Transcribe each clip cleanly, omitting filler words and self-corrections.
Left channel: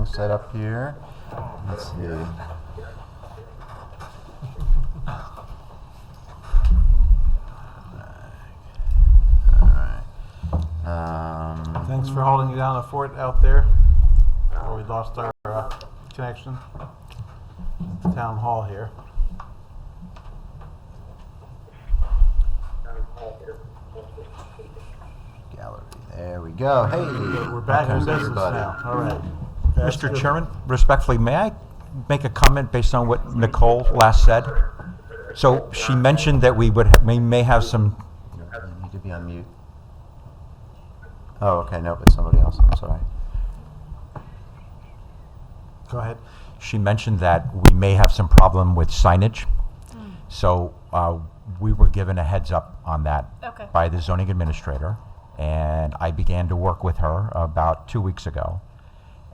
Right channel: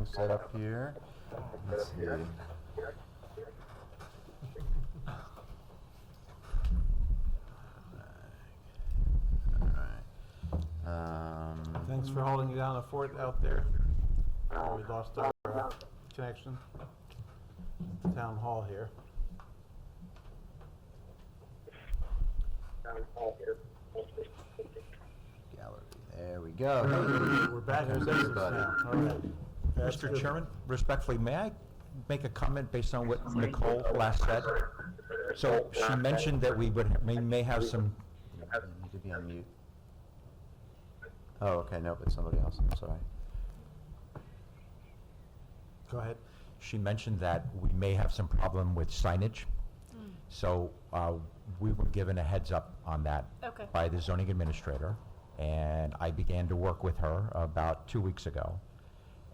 everything set up here. Let's see. Thanks for holding down the fort out there. We lost our connection. Town hall here. Gallery. There we go. Hey, We're back in Okay, business everybody. now. All right. That's Mr. good. Chairman, respectfully, may I make a comment based on what Nicole last said? So she mentioned that we may have some, You need to be on mute. Oh, okay. Nope, it's somebody else. I'm sorry. Go ahead. she mentioned that we may have some problem with signage. So we were given a heads up on that Okay. by the zoning administrator, and I began to work with her about 2 weeks ago.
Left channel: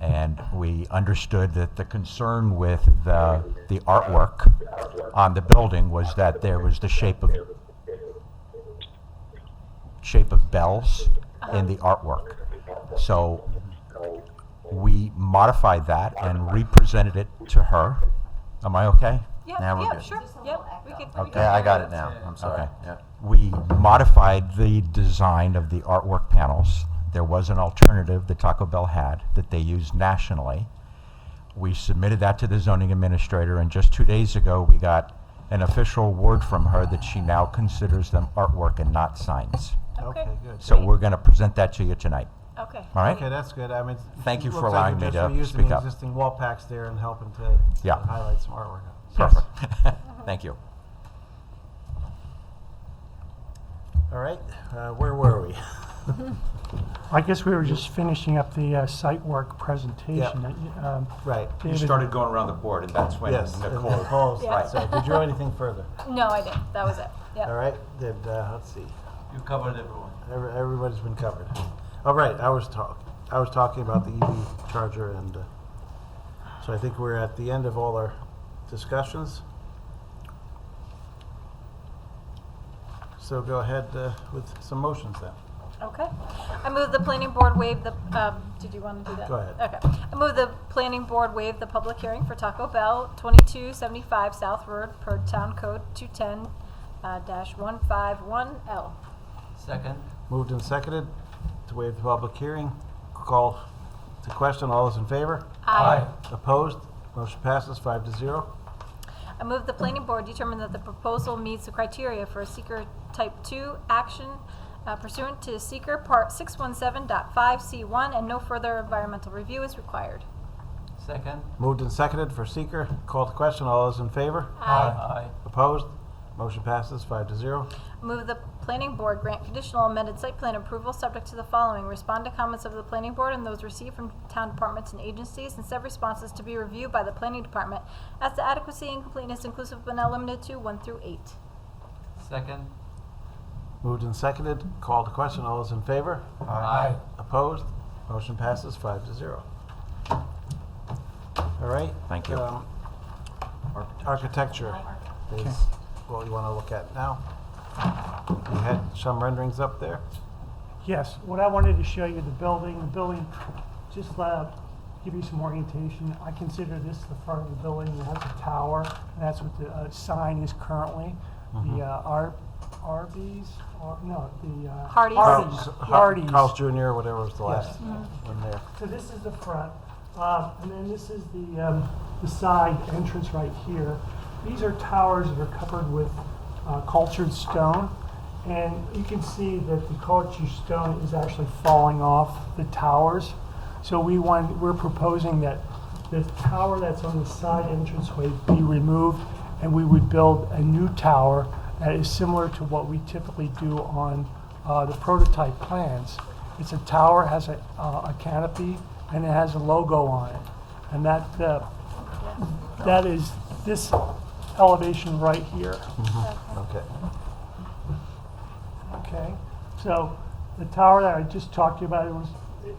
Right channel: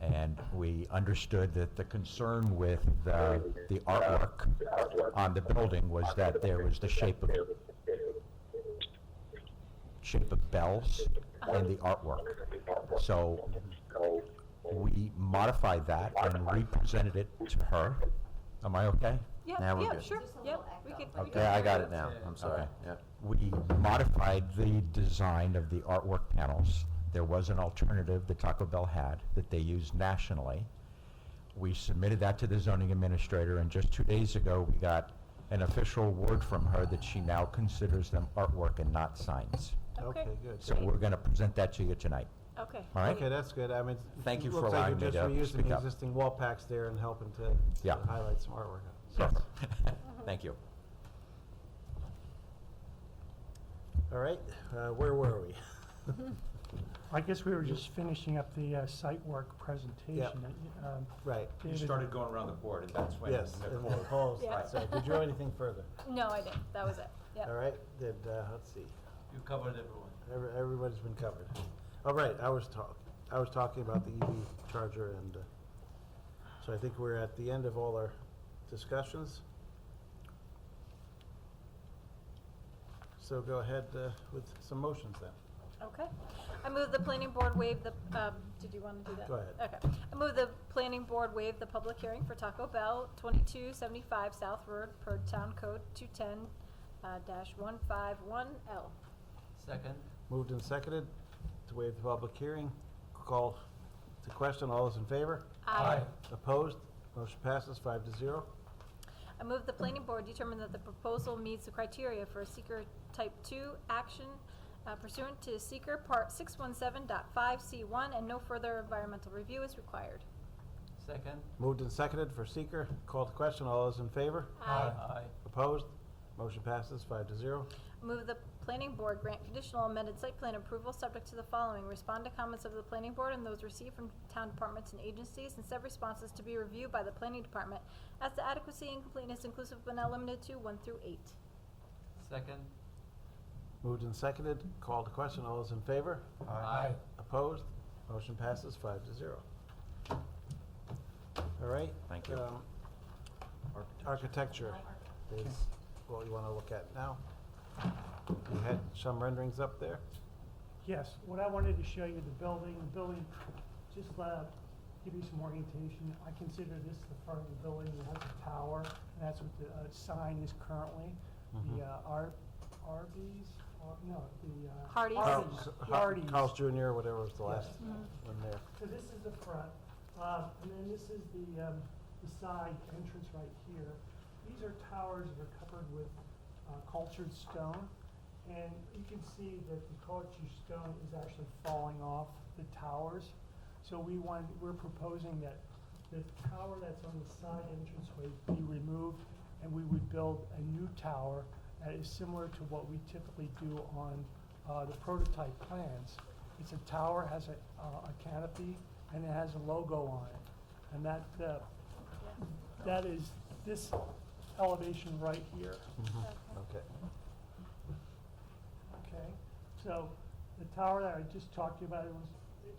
And we understood that the concern with the artwork on the building was that there was the shape of bells in the artwork. So we modified that and represented it to her. Am I okay? Yeah, Now we're yeah, good. sure. Yep. We could. Okay, I got it now. I'm sorry. Okay. Yeah. We modified the design of the artwork panels. There was an alternative that Taco Bell had that they used nationally. We submitted that to the zoning administrator, and just 2 days ago, we got an official word from her that she now considers them artwork and not signs. Okay, good. So we're going to present that to you tonight. Okay. All right? Okay, that's good. I mean, Thank you it for looks like allowing you're me just to reusing speak the up. existing wall packs there and helping to Yeah. highlight some artwork. Perfect. Thank you. All right, where were we? I guess we were just finishing up the site work presentation. Right. You David- started going around the board, and that's when Yes. Nicole. Nicole's. Yeah. So did you have anything further? No, I didn't. That was it. Yep. All right. Did let's see. You covered everyone. Everybody's been covered. All right. I was talking about the EV charger, and so I think we're at the end of all our discussions. So go ahead with some motions then. Okay. I move the planning board waive the, did you want to do that? Go ahead. Okay. I move the planning board waive the public hearing for Taco Bell, 2275 South Road per Town Code 210, -151L. Second. Moved and seconded to waive the public hearing. Call to question. All those in favor? Opposed? Motion passes 5-0. I move the planning board determine that the proposal meets the criteria for a seeker type 2 action pursuant to seeker part 617.5C1 and no further environmental review is required. Second. Moved and seconded for seeker. Call to question. All those in favor? Aye. Opposed? Motion passes 5-0. Move the planning board grant conditional amended site plan approval subject to the following. Respond to comments of the planning board and those received from town departments and agencies, and said responses to be reviewed by the planning department as to adequacy and completeness inclusive but not limited to 1 through 8. Second. Moved and seconded. Call to question. All those in favor? Aye. Opposed? Motion passes 5-0. All right. Thank you. Architecture is what we want to look at now. You had some renderings up there. Yes, what I wanted to show you, the building, just give you some orientation. I consider this the front of the building. It has a tower, and that's what the sign is currently. The Arby's, or no, the Hardee's. Hardee's. Carl's Jr., whatever was the last Yes. one there. So this is the front, and then this is the side entrance right here. These are towers that are covered with cultured stone, and you can see that the cultured stone is actually falling off the towers. So we're proposing that the tower that's on the side entranceway be removed, and we would build a new tower that is similar to what we typically do on the prototype plans. It's a tower, has a canopy, and it has a logo on it. And that is this elevation right here. Okay. Okay, so the tower that I just talked to you about,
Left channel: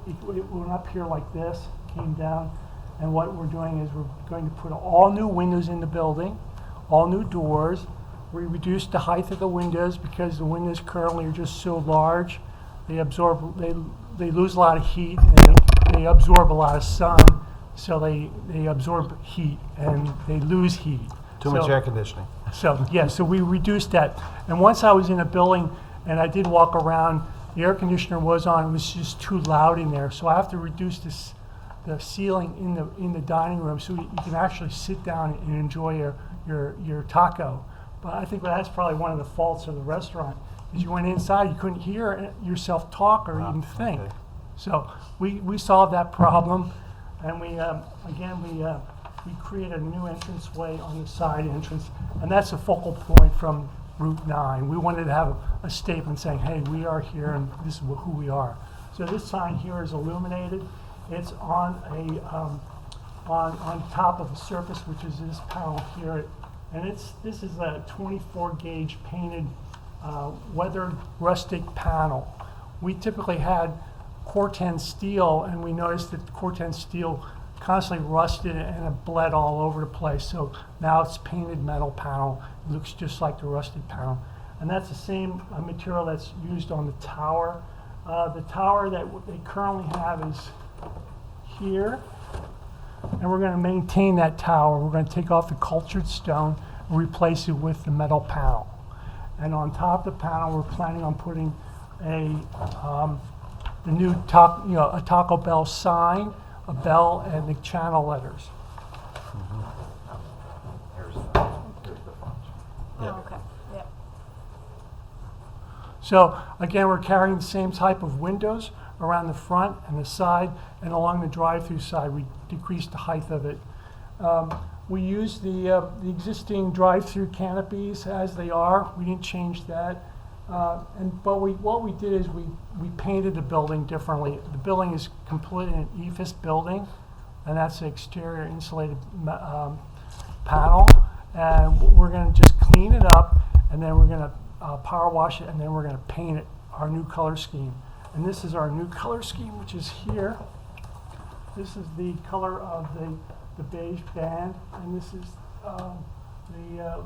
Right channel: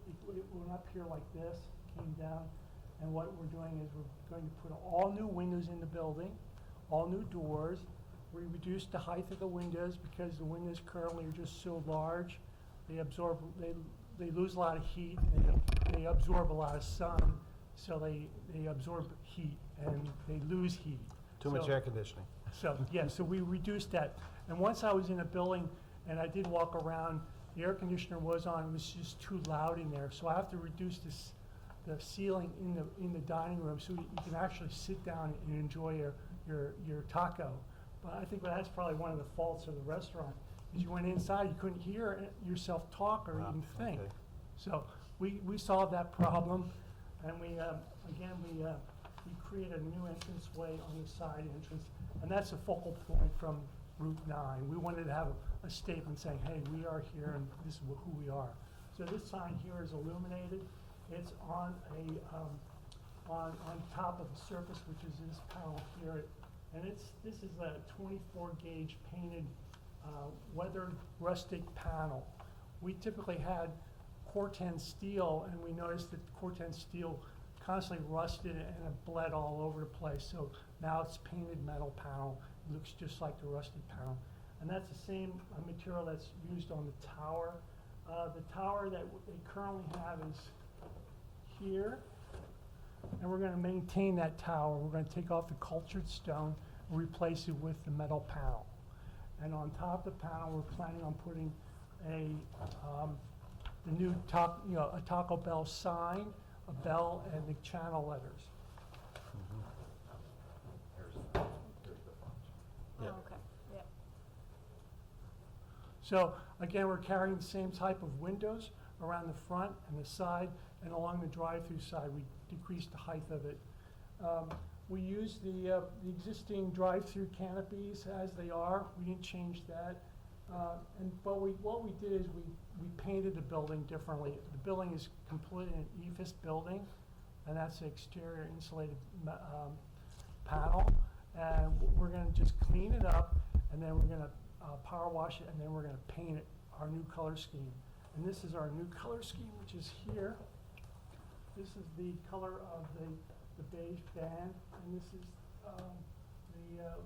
it went up here like this, came down, and what we're doing is we're going to put all new windows in the building, all new doors. We reduced the height of the windows because the windows currently are just so large. They absorb, they lose a lot of heat, and they absorb a lot of sun. so they absorb heat and they lose heat. Too much So- air conditioning. So, yeah, so we reduced that. And once I was in a building and I did walk around, the air conditioner was on, it was just too loud in there. So I have to reduce the ceiling in the dining room so you can actually sit down and enjoy your taco. But I think that's probably one of the faults of the restaurant, is you went inside, you couldn't hear yourself talk or Wow, even think. okay. So we solved that problem, and we created a new entranceway on the side entrance, and that's a focal point from Route 9. We wanted to have a statement saying, hey, we are here and this is who we are. So this sign here is illuminated. It's on on top of the surface, which is this panel here, and this is a 24 gauge painted weathered rustic panel. We typically had Corten steel, and we noticed that Corten steel constantly rusted and it bled all over the place. So now it's painted metal panel. It looks just like the rusted panel. And that's the same material that's used on the tower. The tower that they currently have is here. And we're going to maintain that tower. We're going to take off the cultured stone and replace it with the metal panel. And on top of the panel, we're planning on putting the new a Taco Bell sign, a bell, and the channel letters. Yeah. Oh, okay, yeah. So again, we're carrying the same type of windows around the front and the side, and along the drive-through side, we decreased the height of it. We used the existing drive-through canopies as they are. We didn't change that. But what we did is we painted the building differently. The building is completely an EIFS building, and that's the exterior insulated panel. And we're going to just clean it up, and then we're going to power wash it, and then we're going to paint it our new color scheme. And this is our new color scheme, which is here. This is the color of the beige band, and this is the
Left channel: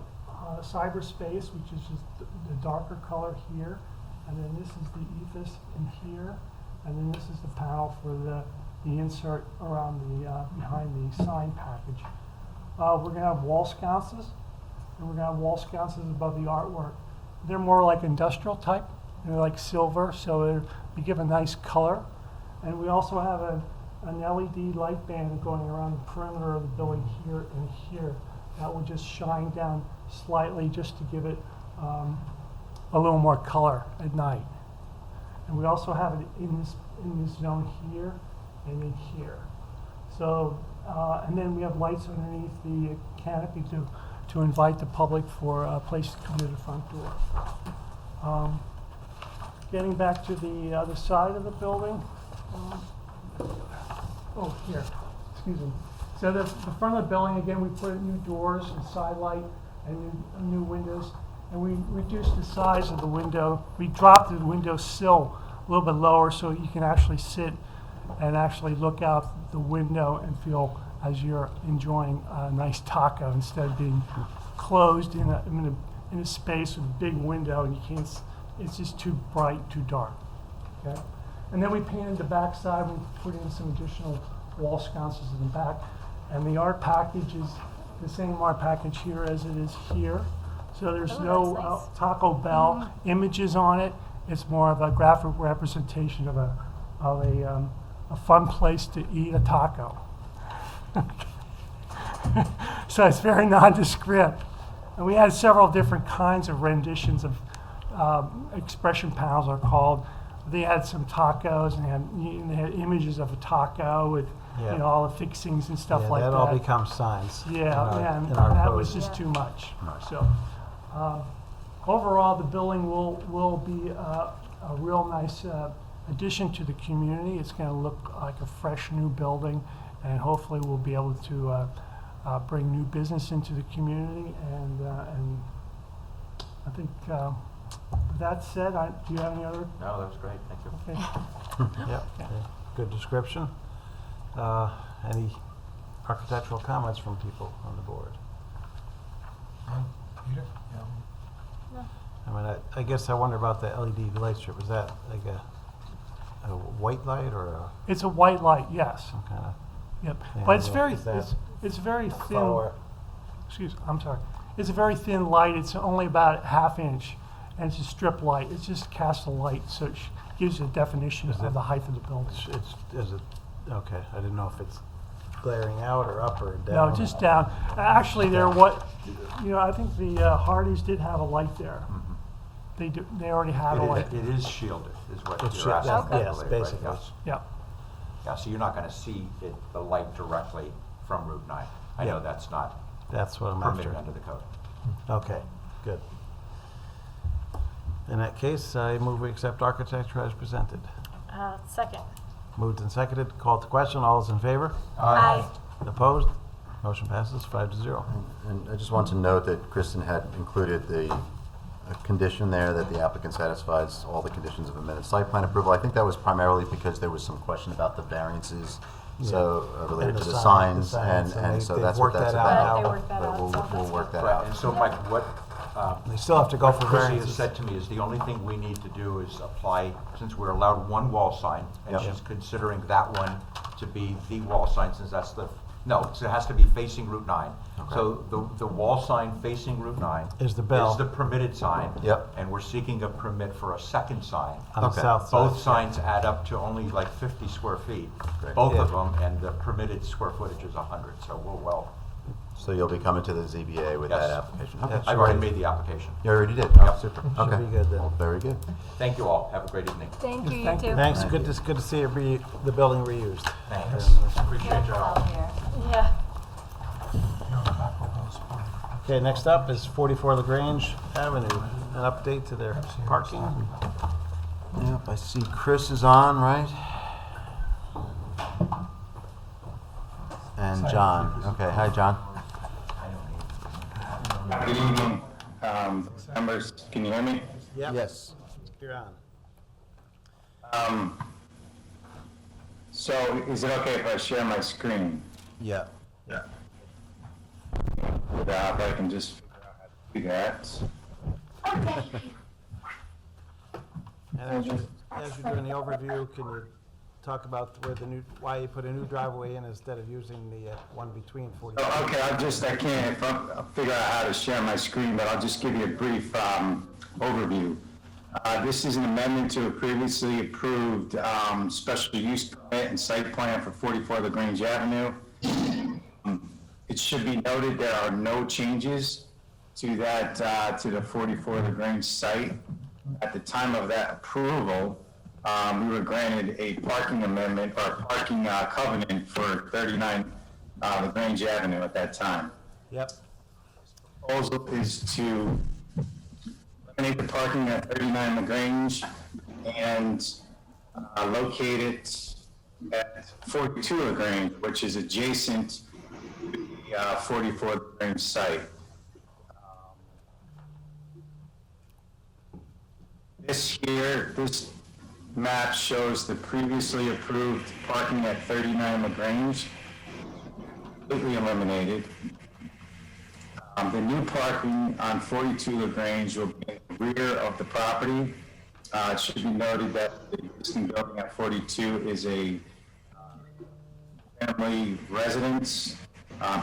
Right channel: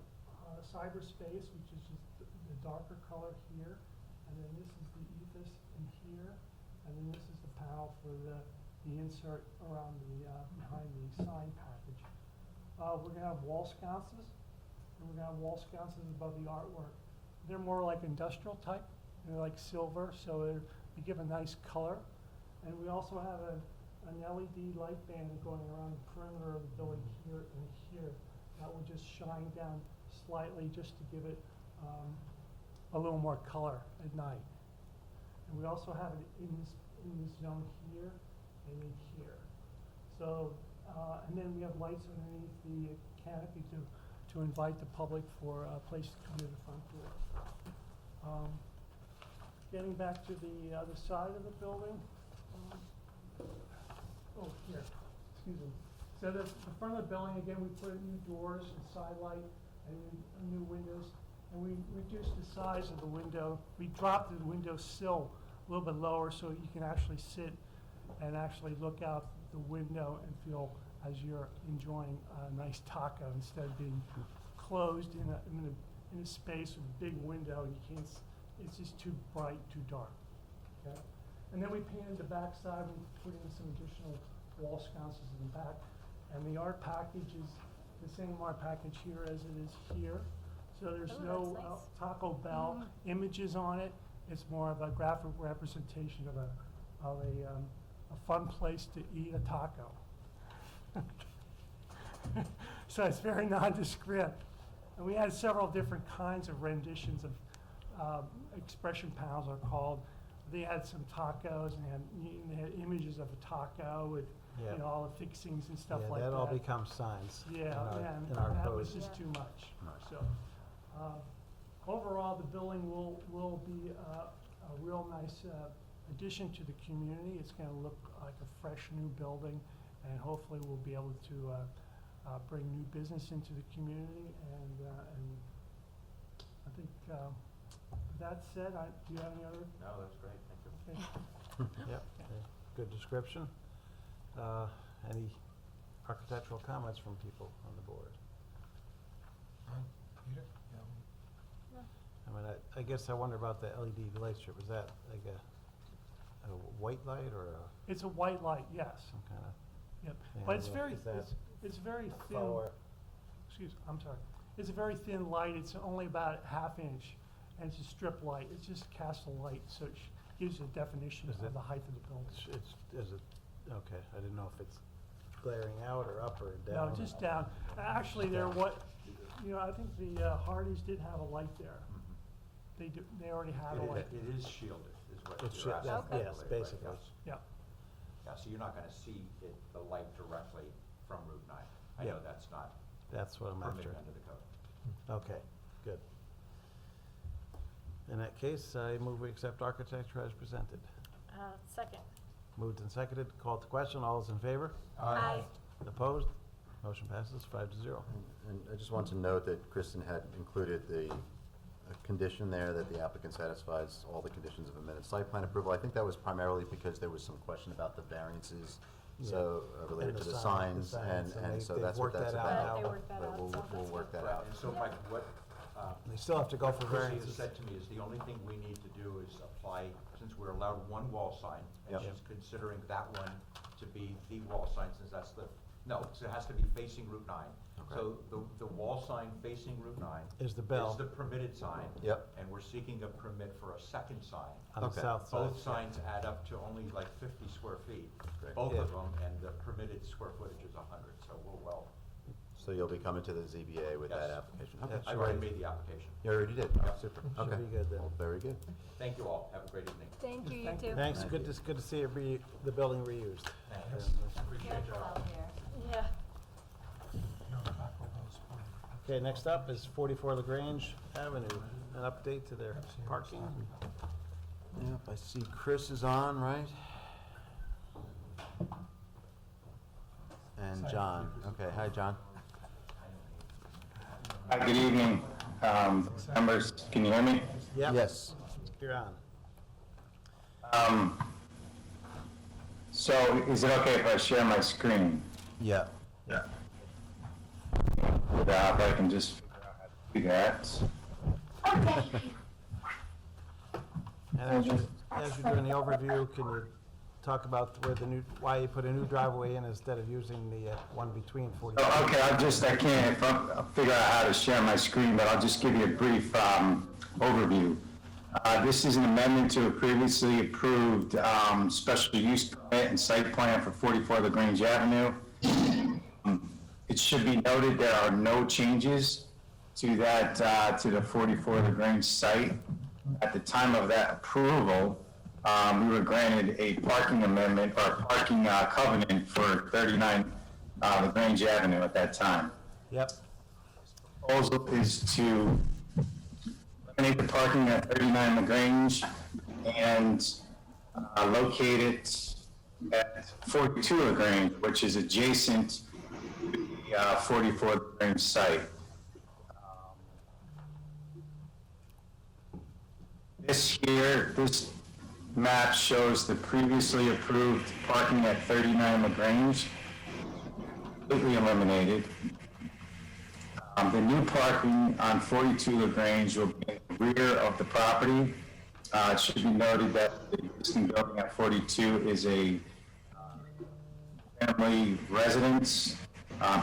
cyberspace, which is just the darker color here, and then this is the ethos in here, and then this is the panel for the insert around the behind the sign package. We're gonna have wall sconces, and we're gonna have wall sconces above the artwork. They're more like industrial type, they're like silver, so they give a nice color. And we also have an LED light band going around the perimeter of the building here and here. That will just shine down slightly just to give it a little more color at night. And we also have it in this zone here and in here. So, and then we have lights underneath the canopy to invite the public for a place to come to the front door. Getting back to the other side of the building. Oh, here, excuse me. So the front of the building, again, we put in new doors and side light and new windows, and we reduced the size of the window. We dropped the window sill a little bit lower so you can actually sit and actually look out the window and feel as you're enjoying a nice taco instead of being closed in a space with a big window and you can't. It's just too bright, too dark. Okay, and then we painted the back side. We put in some additional wall sconces in the back. And the art package is the same art package here as it is here. So there's Oh, no that's nice. Taco Bell images on it. It's more of a graphic representation of a fun place to eat a taco. So it's very nondescript. And we had several different kinds of renditions of expression panels are called. They had some tacos and they had images of a taco with Yeah. all the fixings and stuff like that. That all becomes signs. Yeah, and in our that code. was just Yeah. too much. Right. So, overall, the building will be a real nice addition to the community. It's going to look like a fresh new building, and hopefully we'll be able to bring new business into the community. And I think with that said, do you have any other? No, that was great, thank you. Okay. Yep, yeah, good description. Any architectural comments from people on the board? Peter? I mean, I guess I wonder about the LED light strip. Is that like a white light or It's a white light, yes. some kind of? Yep, And but it's very, is that it's very thin. lower? Excuse, I'm sorry. It's a very thin light. It's only about a ½ inch, and it's a strip light. It's just casts a light, so it gives you a definition Is of it- the height of the building. Is it, okay, I didn't know if it's glaring out or up or down. No, just down. Actually, I think the Hardys did have a light there. They already had a light. It is shielded, is what It's you're asking. Okay. I yes, believe, right? basically. Yes. Yeah. Yeah, so you're not gonna see the light directly from Route 9. I know Yeah. that's not That's what I'm permitted after. under the code. Okay, good. In that case, I move we accept architecture as presented. Second. Moved and seconded, called to question, all those in favor? Aye. Opposed? Motion passes 5-0. And I just want to note that Kristen had included a condition there that the applicant satisfies all the conditions of amended site plan approval. I think that was primarily because there was some question about the variances, so related And to the the signs, signs, and and so they've that's what worked that's that out about. now. They worked that But out, we'll so that's work that Right, out. and so Mike, what, They still have to go for Chrissy has variances. said to me is the only thing we need to do is apply, since we're allowed one wall sign, and Yep. she's considering that one to be the wall sign, since that's so it has to be facing Route 9. Okay. So the wall sign facing Route 9 Is the bell. is the permitted sign. Yep. And we're seeking a permit for a second sign. On the Okay. south side. Both signs add up to only like 50 square feet, Great. both of Yeah. them, and the permitted square footage is 100, so we're well. So you'll be coming to the ZBA with Yes. that application? Okay, That's I've great. already made the application. You already did? Oh, Yep. super. Should Okay. be good then. Well, very good. Thank you all, have a great evening. Thank you, you Thank you. too. Thanks, Thank good to see the building reused. Thanks, appreciate your help. Yeah. Okay, next up is 44 LaGrange Avenue, an update to their parking. Yep, I see Chris is on, right? And John. Okay, hi, John. Good evening, members. Can you hear me? Yep. Yes. You're on. So is it okay if I share my screen? Yeah. Yeah. If I can just do that. And as you're doing the overview, can you talk about why you put a new driveway in instead of using the one between 44? Oh, okay, I'll figure out how to share my screen, but I'll just give you a brief overview. This is an amendment to a previously approved special use permit and site plan for 44 LaGrange Avenue. It should be noted there are no changes to that, to the 44 LaGrange site. At the time of that approval, we were granted a parking amendment or parking covenant for 39 LaGrange Avenue at that time. Yep. Proposal is to eliminate the parking at 39 LaGrange and locate it at 42 LaGrange, which is adjacent to the 44 LaGrange site. This map shows the previously approved parking at 39 LaGrange, completely eliminated. The new parking on 42 LaGrange will be in the rear of the property. It should be noted that the existing building at 42 is a family residence,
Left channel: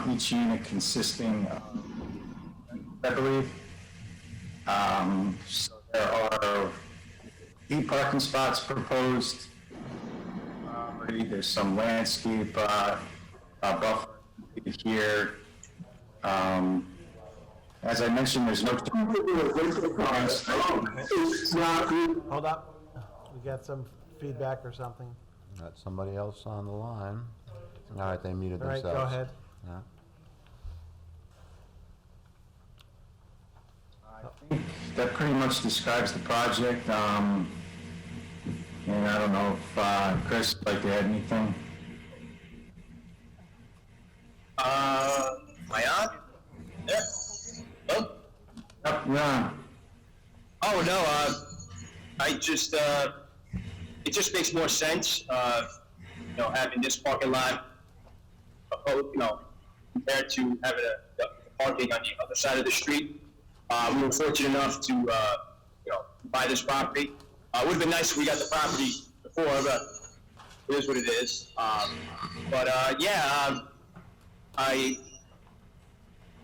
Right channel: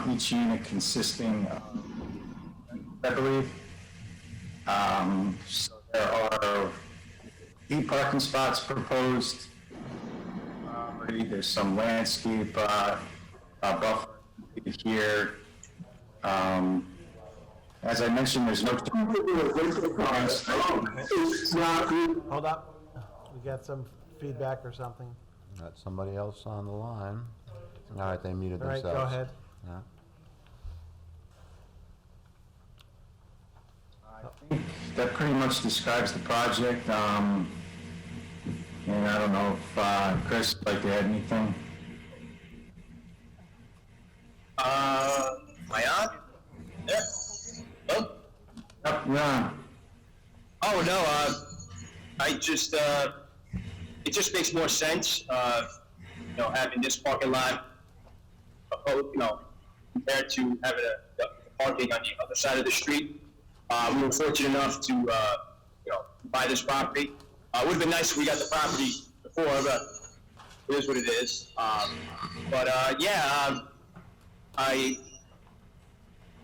each unit consisting of, I believe. So there are 8 parking spots proposed. There's some landscape buffer here. As I mentioned, there's no. Hold up. We got some feedback or something. Got somebody else on the line. All right, they muted All right, themselves. go ahead. Yeah. That pretty much describes the project. And I don't know if Chris would like to add anything. Am I on? Yeah. Hello? Yep, you're on. Oh, no, I just, it just makes more sense, having this parking lot, compared to having the parking on the other side of the street. We were fortunate enough to, buy this property. It would have been nice if we got the property before, but it is what it is.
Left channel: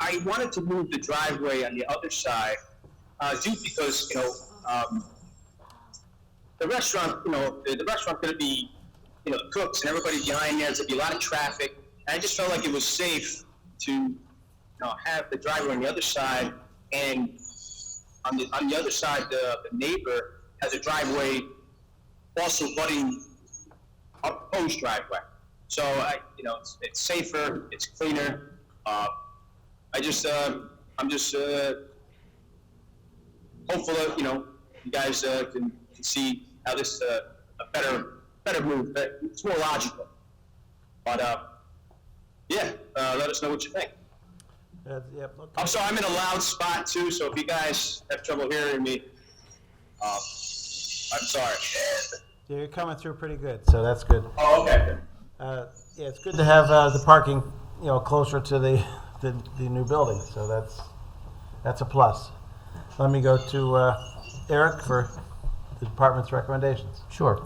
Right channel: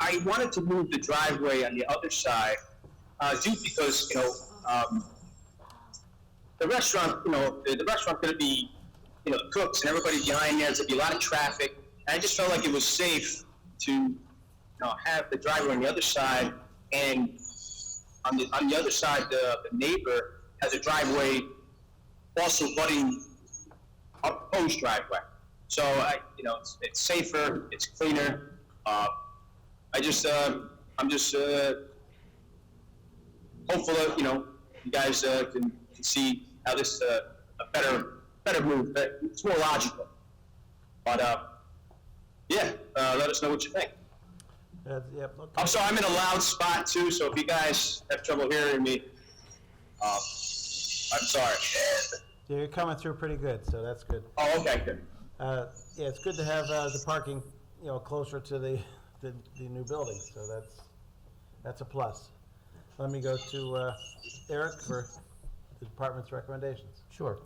I wanted to move the driveway on the other side, due because, the restaurant, the restaurant's gonna be, cooks and everybody behind there, there's gonna be a lot of traffic. And I just felt like it was safe to, have the driveway on the other side, and on the other side, the neighbor has a driveway also butting a proposed driveway. So it's safer, it's cleaner. I'm just hopeful that, you guys can see how this a better move. It's more logical. But let us know what you think. Yep, okay. I'm sorry, I'm in a loud spot too, so if you guys have trouble hearing me, I'm sorry. Yeah, you're coming through pretty good, so that's good. Oh, okay, good. Yeah, it's good to have the parking, closer to the new building, so that's a plus. Let me go to Eric for the department's recommendations. Sure.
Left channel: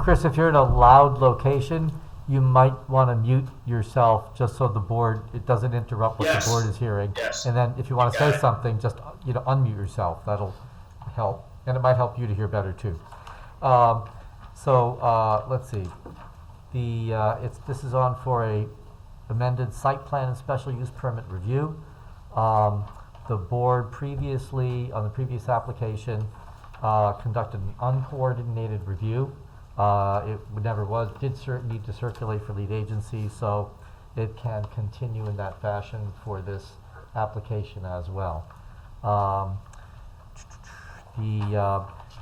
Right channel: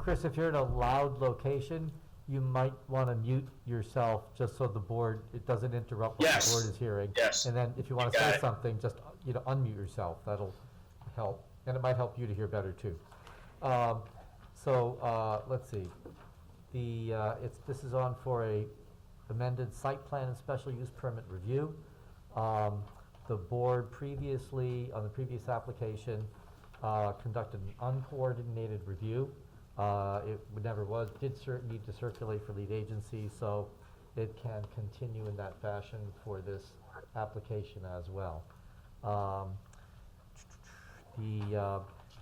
Chris, if you're in a loud location, you might want to mute yourself just so the board, it doesn't interrupt what Yes. the board is hearing. Yes. And then if you want to Got say it. something, just, unmute yourself. That'll help. And it might help you to hear better too. Let's see. This is on for a amended site plan and special use permit review. The board previously, on the previous application, conducted an uncoordinated review. It never was, did need to circulate for lead agency, so it can continue in that fashion for this application as well.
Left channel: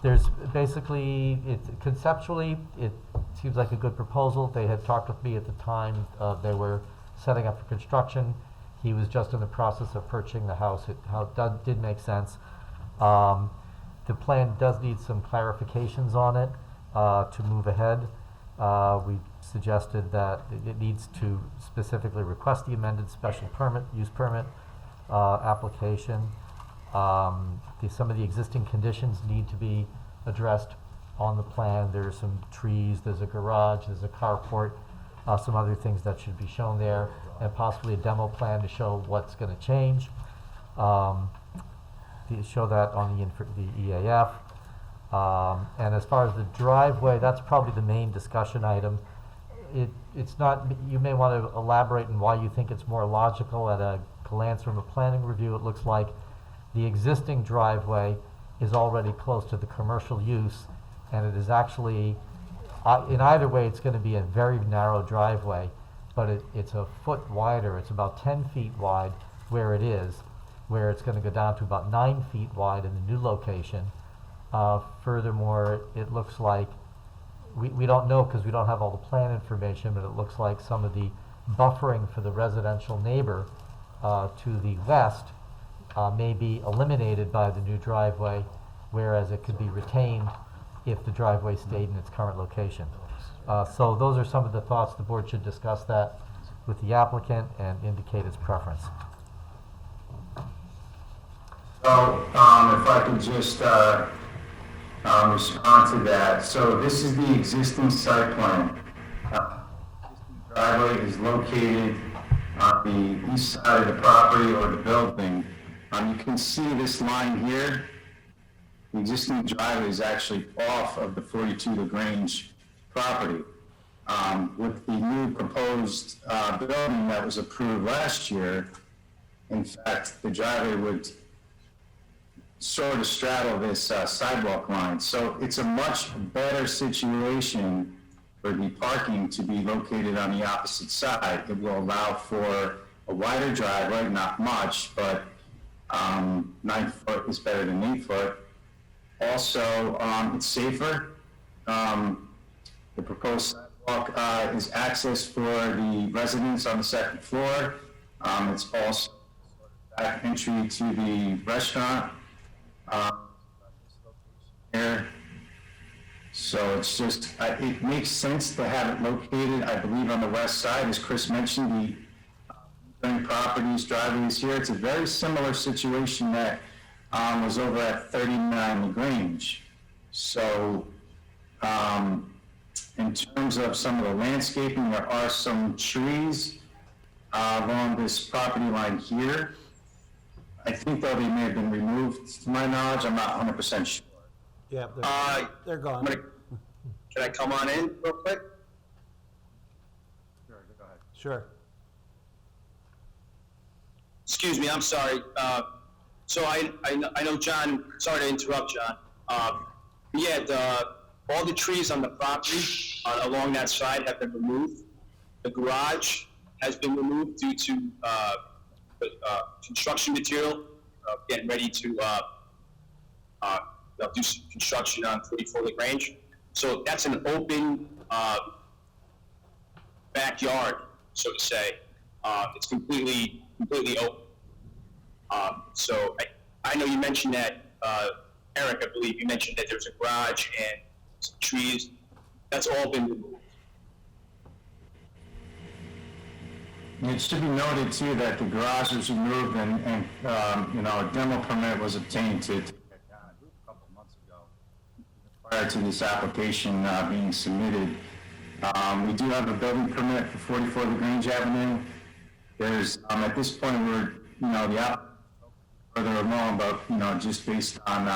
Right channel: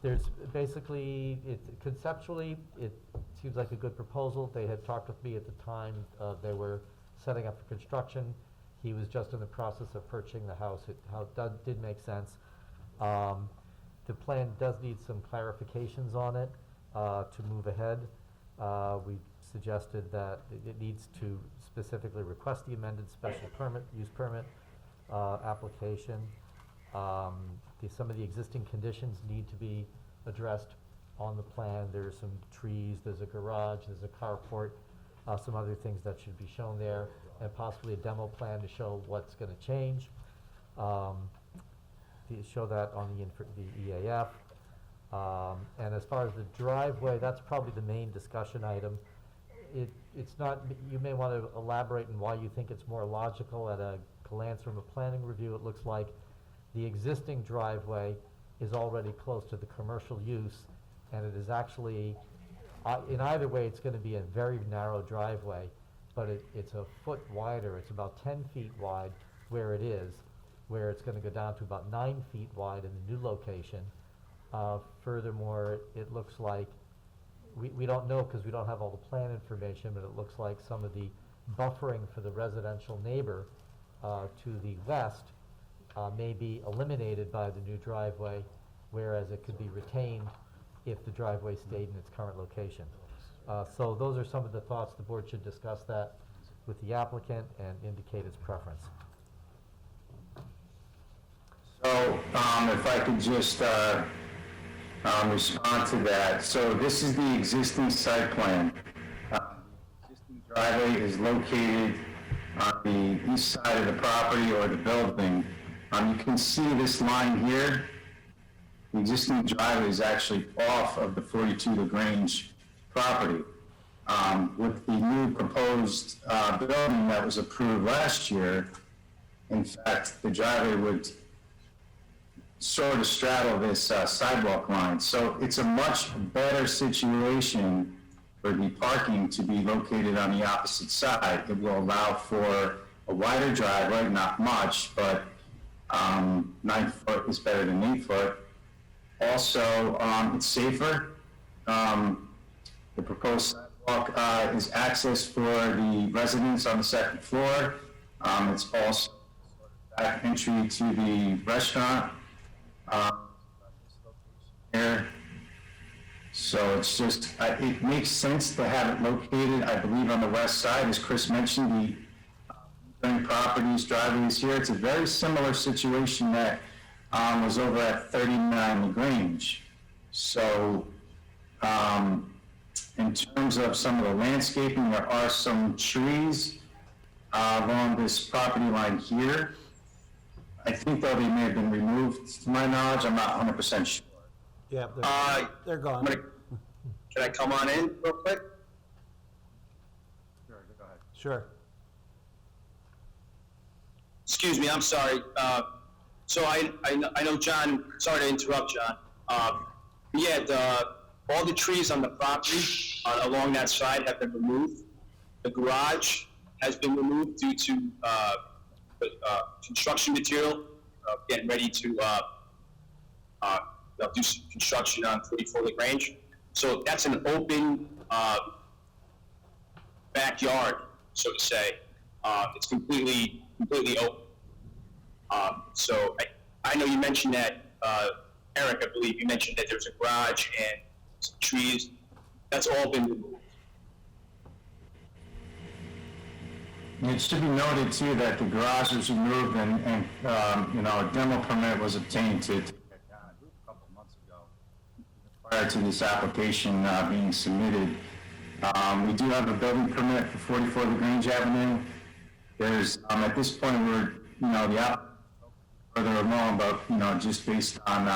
There's basically, conceptually, it seems like a good proposal. They had talked with me at the time they were setting up for construction. He was just in the process of purchasing the house. It did make sense. The plan does need some clarifications on it to move ahead. We suggested that it needs to specifically request the amended special use permit application. Some of the existing conditions need to be addressed on the plan. There's some trees, there's a garage, there's a carport, some other things that should be shown there, and possibly a demo plan to show what's going to change. To show that on the EAF. And as far as the driveway, that's probably the main discussion item. It's not, you may want to elaborate on why you think it's more logical. At a glance from a planning review, it looks like the existing driveway is already close to the commercial use, and it is actually, in either way, it's going to be a very narrow driveway, but it's a foot wider. It's about 10 feet wide where it is, where it's going to go down to about 9 feet wide in the new location. Furthermore, it looks like, we don't know because we don't have all the plan information, but it looks like some of the buffering for the residential neighbor to the west may be eliminated by the new driveway, whereas it could be retained if the driveway stayed in its current location. So those are some of the thoughts. The board should discuss that with the applicant and indicate its preference. So, if I could just respond to that. So this is the existing site plan. Existing driveway is located on the east side of the property or the building. You can see this line here. The existing driveway is actually off of the 42 LaGrange property. With the new proposed building that was approved last year, in fact, the driveway would sort of straddle this sidewalk line. So it's a much better situation for the parking to be located on the opposite side. It will allow for a wider driveway, not much, but 9 foot is better than 8 foot. Also, it's safer. The proposed sidewalk is access for the residents on the second floor. It's also back entry to the restaurant. Here. So it's just, it makes sense to have it located, I believe, on the west side. As Chris mentioned, the properties, driveways here, it's a very similar situation that was over at 39 LaGrange. So, and In terms of some of the landscaping, there are some trees along this property line here. I think though they may have been removed, to my knowledge, I'm not 100% sure. Yeah, they're I'm gone. gonna- Can I come on in real quick? Sure. Excuse me, I'm sorry. So I know John, sorry to interrupt, John. All the trees on the property along that side have been removed. The garage has been removed due to construction material, getting ready to they'll do some construction on 44 LaGrange. So that's an open backyard, so to say. It's completely open. So I know you mentioned that, Eric, I believe you mentioned that there's a garage and some trees. That's all been removed. It should be noted too that the garage was removed and a demo permit was obtained to take that down, I believe, a couple of months ago, prior to this application being submitted. We do have a building permit for 44 LaGrange Avenue. There's, at this point, we're, the app further along, but, just based on,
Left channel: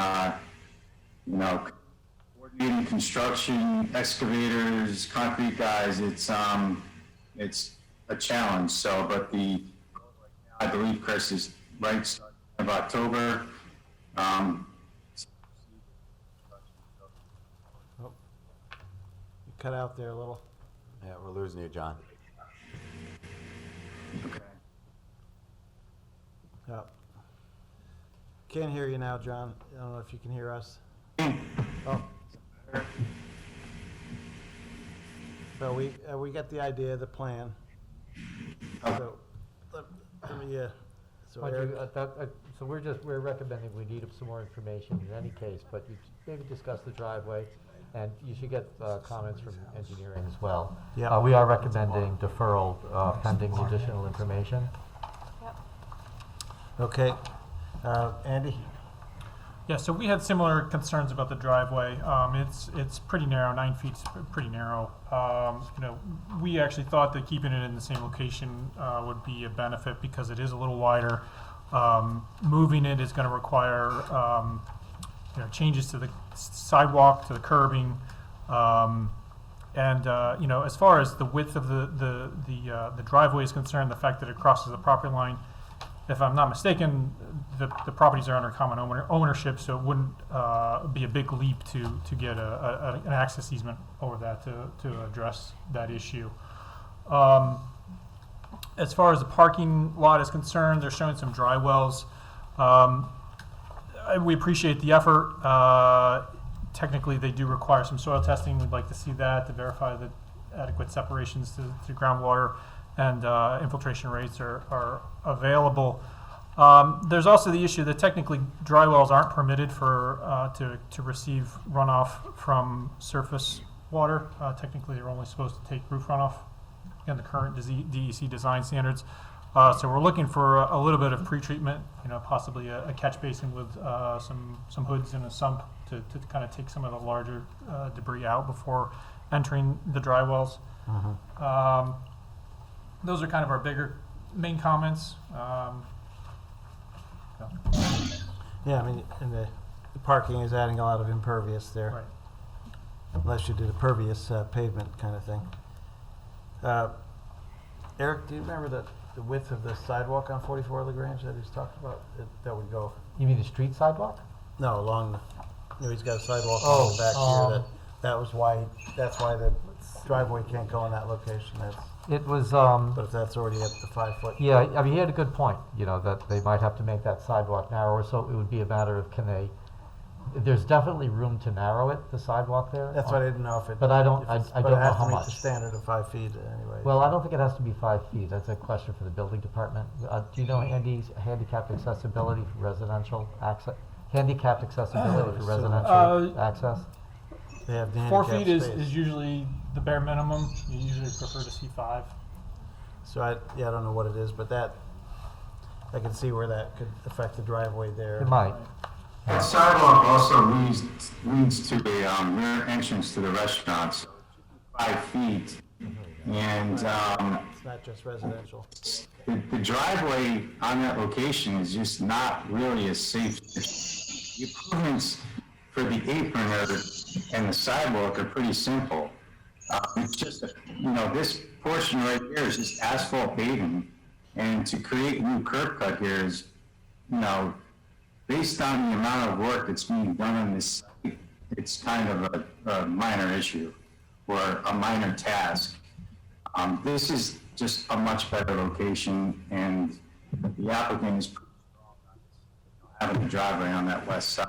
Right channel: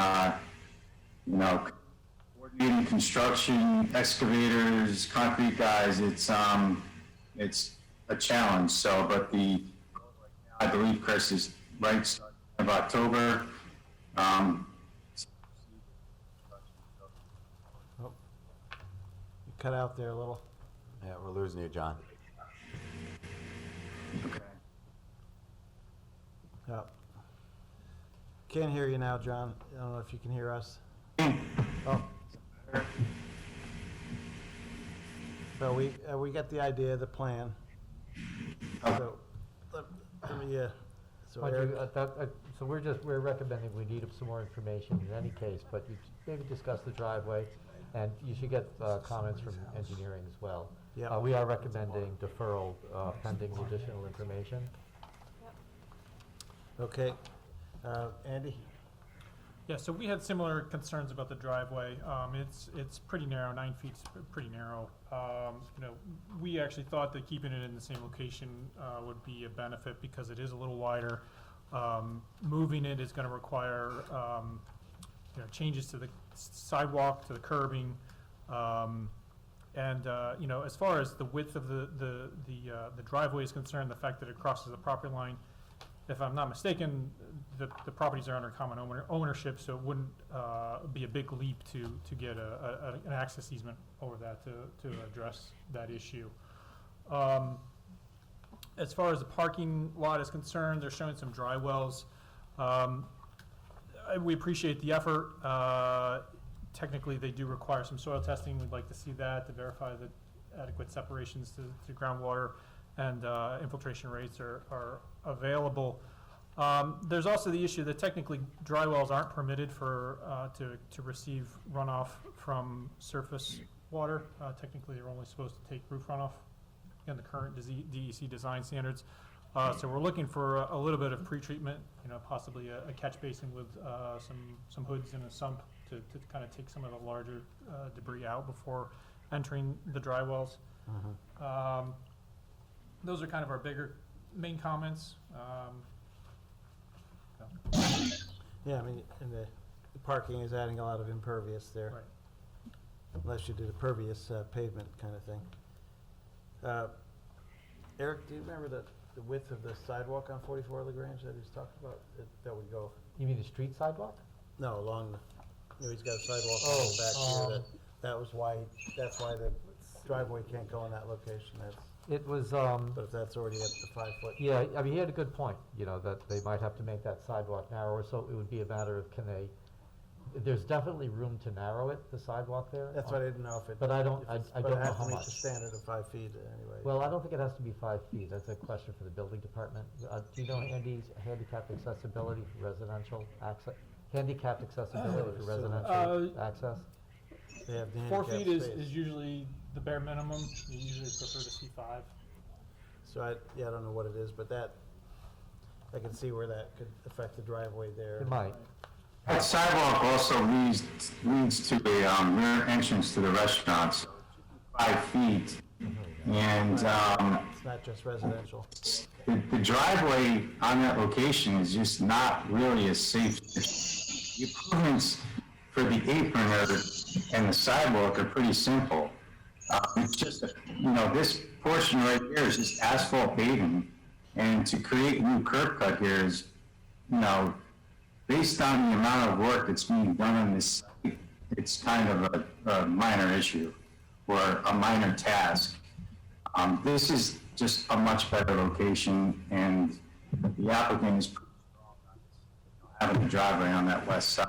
coordinating construction, excavators, concrete guys, it's a challenge. So, but I believe Chris is right, starting of October. You cut out there a little. Yeah, we're losing you, John. Okay. Yeah. Can't hear you now, John. I don't know if you can hear us. Oh. So we got the idea, the plan. So, let me, so Mind Eric, you, so we're recommending we need some more information in any case, but you maybe discuss the driveway, and you should get comments from engineering as well. Yeah. We are recommending deferral pending additional information. okay. Andy? Yeah, so we had similar concerns about the driveway. It's pretty narrow, 9 feet's pretty narrow. We actually thought that keeping it in the same location would be a benefit because it is a little wider. Moving it is going to require changes to the sidewalk, to the curbing, and as far as the width of the driveway is concerned, the fact that it crosses the property line. If I'm not mistaken, the properties are under common ownership, so it wouldn't be a big leap to get an access easement over that to address that issue. As far as the parking lot is concerned, they're showing some dry wells. We appreciate the effort. Technically, they do require some soil testing. We'd like to see that to verify that adequate separations to groundwater and infiltration rates are available. There's also the issue that technically dry wells aren't permitted to receive runoff from surface water. Technically, they're only supposed to take roof runoff in the current DEC design standards. So we're looking for a little bit of pretreatment, possibly a catch basin with some hoods and a sump to kind of take some of the larger debris out before entering the dry wells. Those are kind of our bigger main comments. Yeah, I mean, and the parking is adding a lot of impervious there. Right. Unless you did a pervious pavement kind of thing. Eric, do you remember the width of the sidewalk on 44 LaGrange that he's talking about? That would go, You mean the street sidewalk? no, along, he's got a sidewalk Oh, going back here. That's why the driveway can't go in that location. It was, But if that's already up to 5 foot. yeah, I mean, he had a good point, that they might have to make that sidewalk narrower, so it would be a matter of there's definitely room to narrow it, the sidewalk there. That's why I didn't know if it. But I don't but know it has how to meet much. the standard of 5 feet anyway. Well, I don't think it has to be 5 feet. That's a question for the building department. Do you know Andy's handicapped accessibility for residential access? Handicapped accessibility for residential access? They have the 4 handicap feet is space. usually the bare minimum. You usually prefer to see 5. So I don't know what it is, but I can see where that could affect the driveway there. It might. That sidewalk also leads to the rear entrance to the restaurant. So 5 feet. And It's not just residential. the driveway on that location is just not really a safe. The improvements for the apron and the sidewalk are pretty simple. It's just, this portion right here is just asphalt paving, and to create a new curb cut here is, based on the amount of work that's being done on this site, it's kind of a minor issue or a minor task. This is just a much better location, and the applicant is pretty strong on having the driveway on that west side.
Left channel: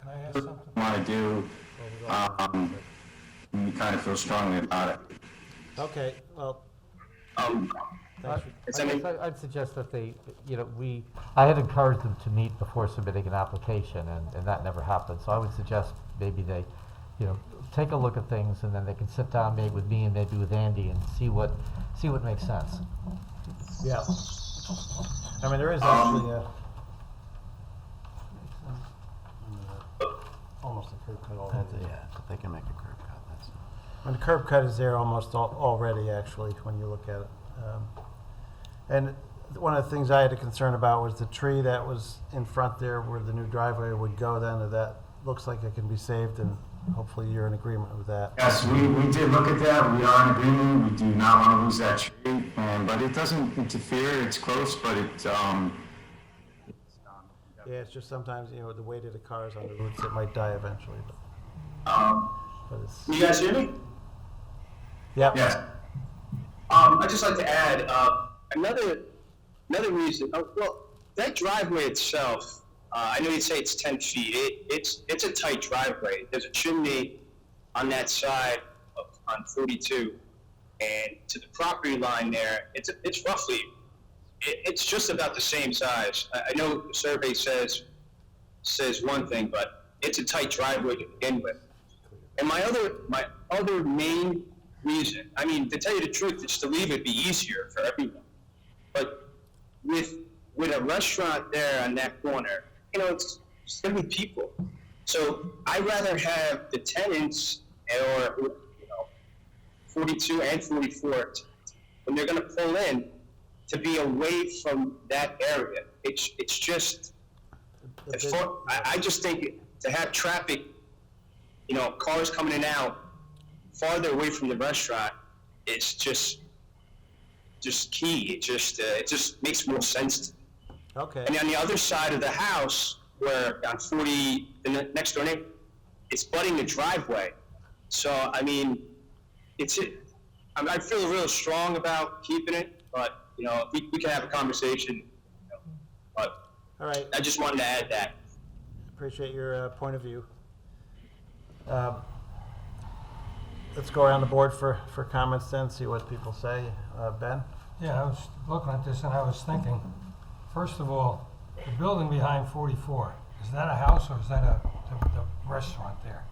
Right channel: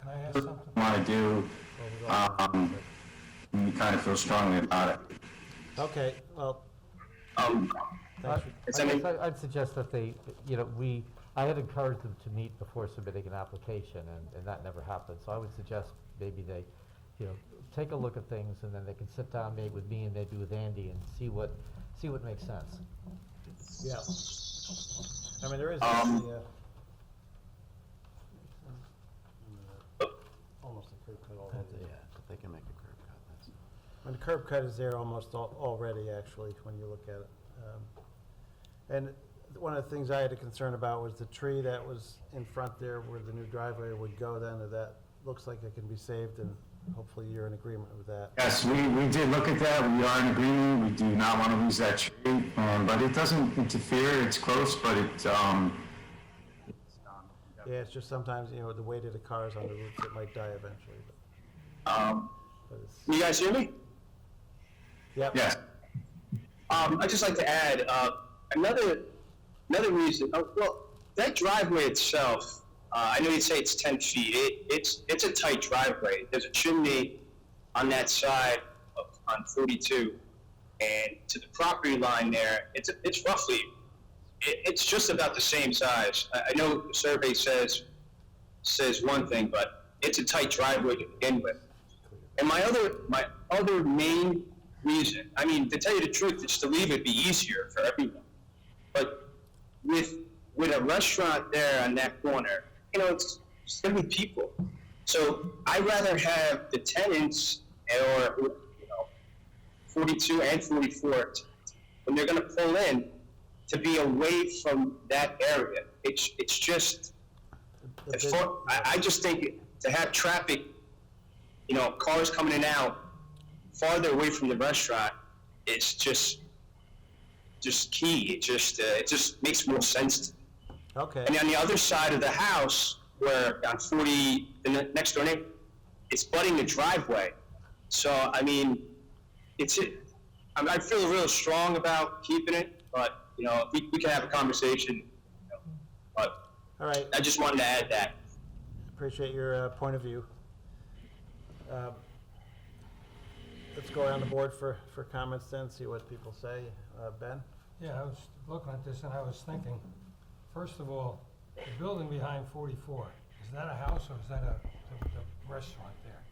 Can I ask something? Want to do, and you kind of feel strongly about it. Okay, well, Um, thanks for, I mean- I'd suggest that they, I had encouraged them to meet before submitting an application, and that never happened. So I would suggest maybe they, take a look at things, and then they can sit down maybe with me and maybe with Andy and see what makes sense. yeah. I mean, there is actually, almost a curb cut already. Yeah, but they can make a curb cut, that's. And the curb cut is there almost already, actually, when you look at it. And one of the things I had a concern about was the tree that was in front there where the new driveway would go then, and that looks like it can be saved, and hopefully you're in agreement with that. Yes, we did look at that, we are in agreement, we do not want to lose that tree, but it doesn't interfere, it's close, but Yeah, it's just sometimes, the weight of the cars on the roots, it might die eventually. But it's, Can you guys hear me? yeah. yes. I'd just like to add, another reason, well, that driveway itself, I know you'd say it's 10 feet, it's a tight driveway. There's a chimney on that side on 42, and to the property line there, it's roughly, it's just about the same size. I know the survey says one thing, but it's a tight driveway to begin with. And my other main reason, I mean, to tell you the truth, is to leave it be easier for everyone. But with a restaurant there on that corner, it's gonna be people. So I'd rather have the tenants or 42 and 44 when they're gonna pull in to be away from that area. It's just, I just think to have traffic, cars coming in and out farther away from the restaurant is just key. It just makes more sense to me. Okay, And on the other side of the house, where on 40, the next door neighbor, it's butting the driveway. So, I mean, I feel real strong about keeping it, but, we can have a conversation. But all right, I just wanted to add that. appreciate your point of view. Let's go around the board for comments then, see what people say. Ben? Yeah, I was looking at this and I was thinking, first of all, the building behind 44, is that a house or is that the restaurant there?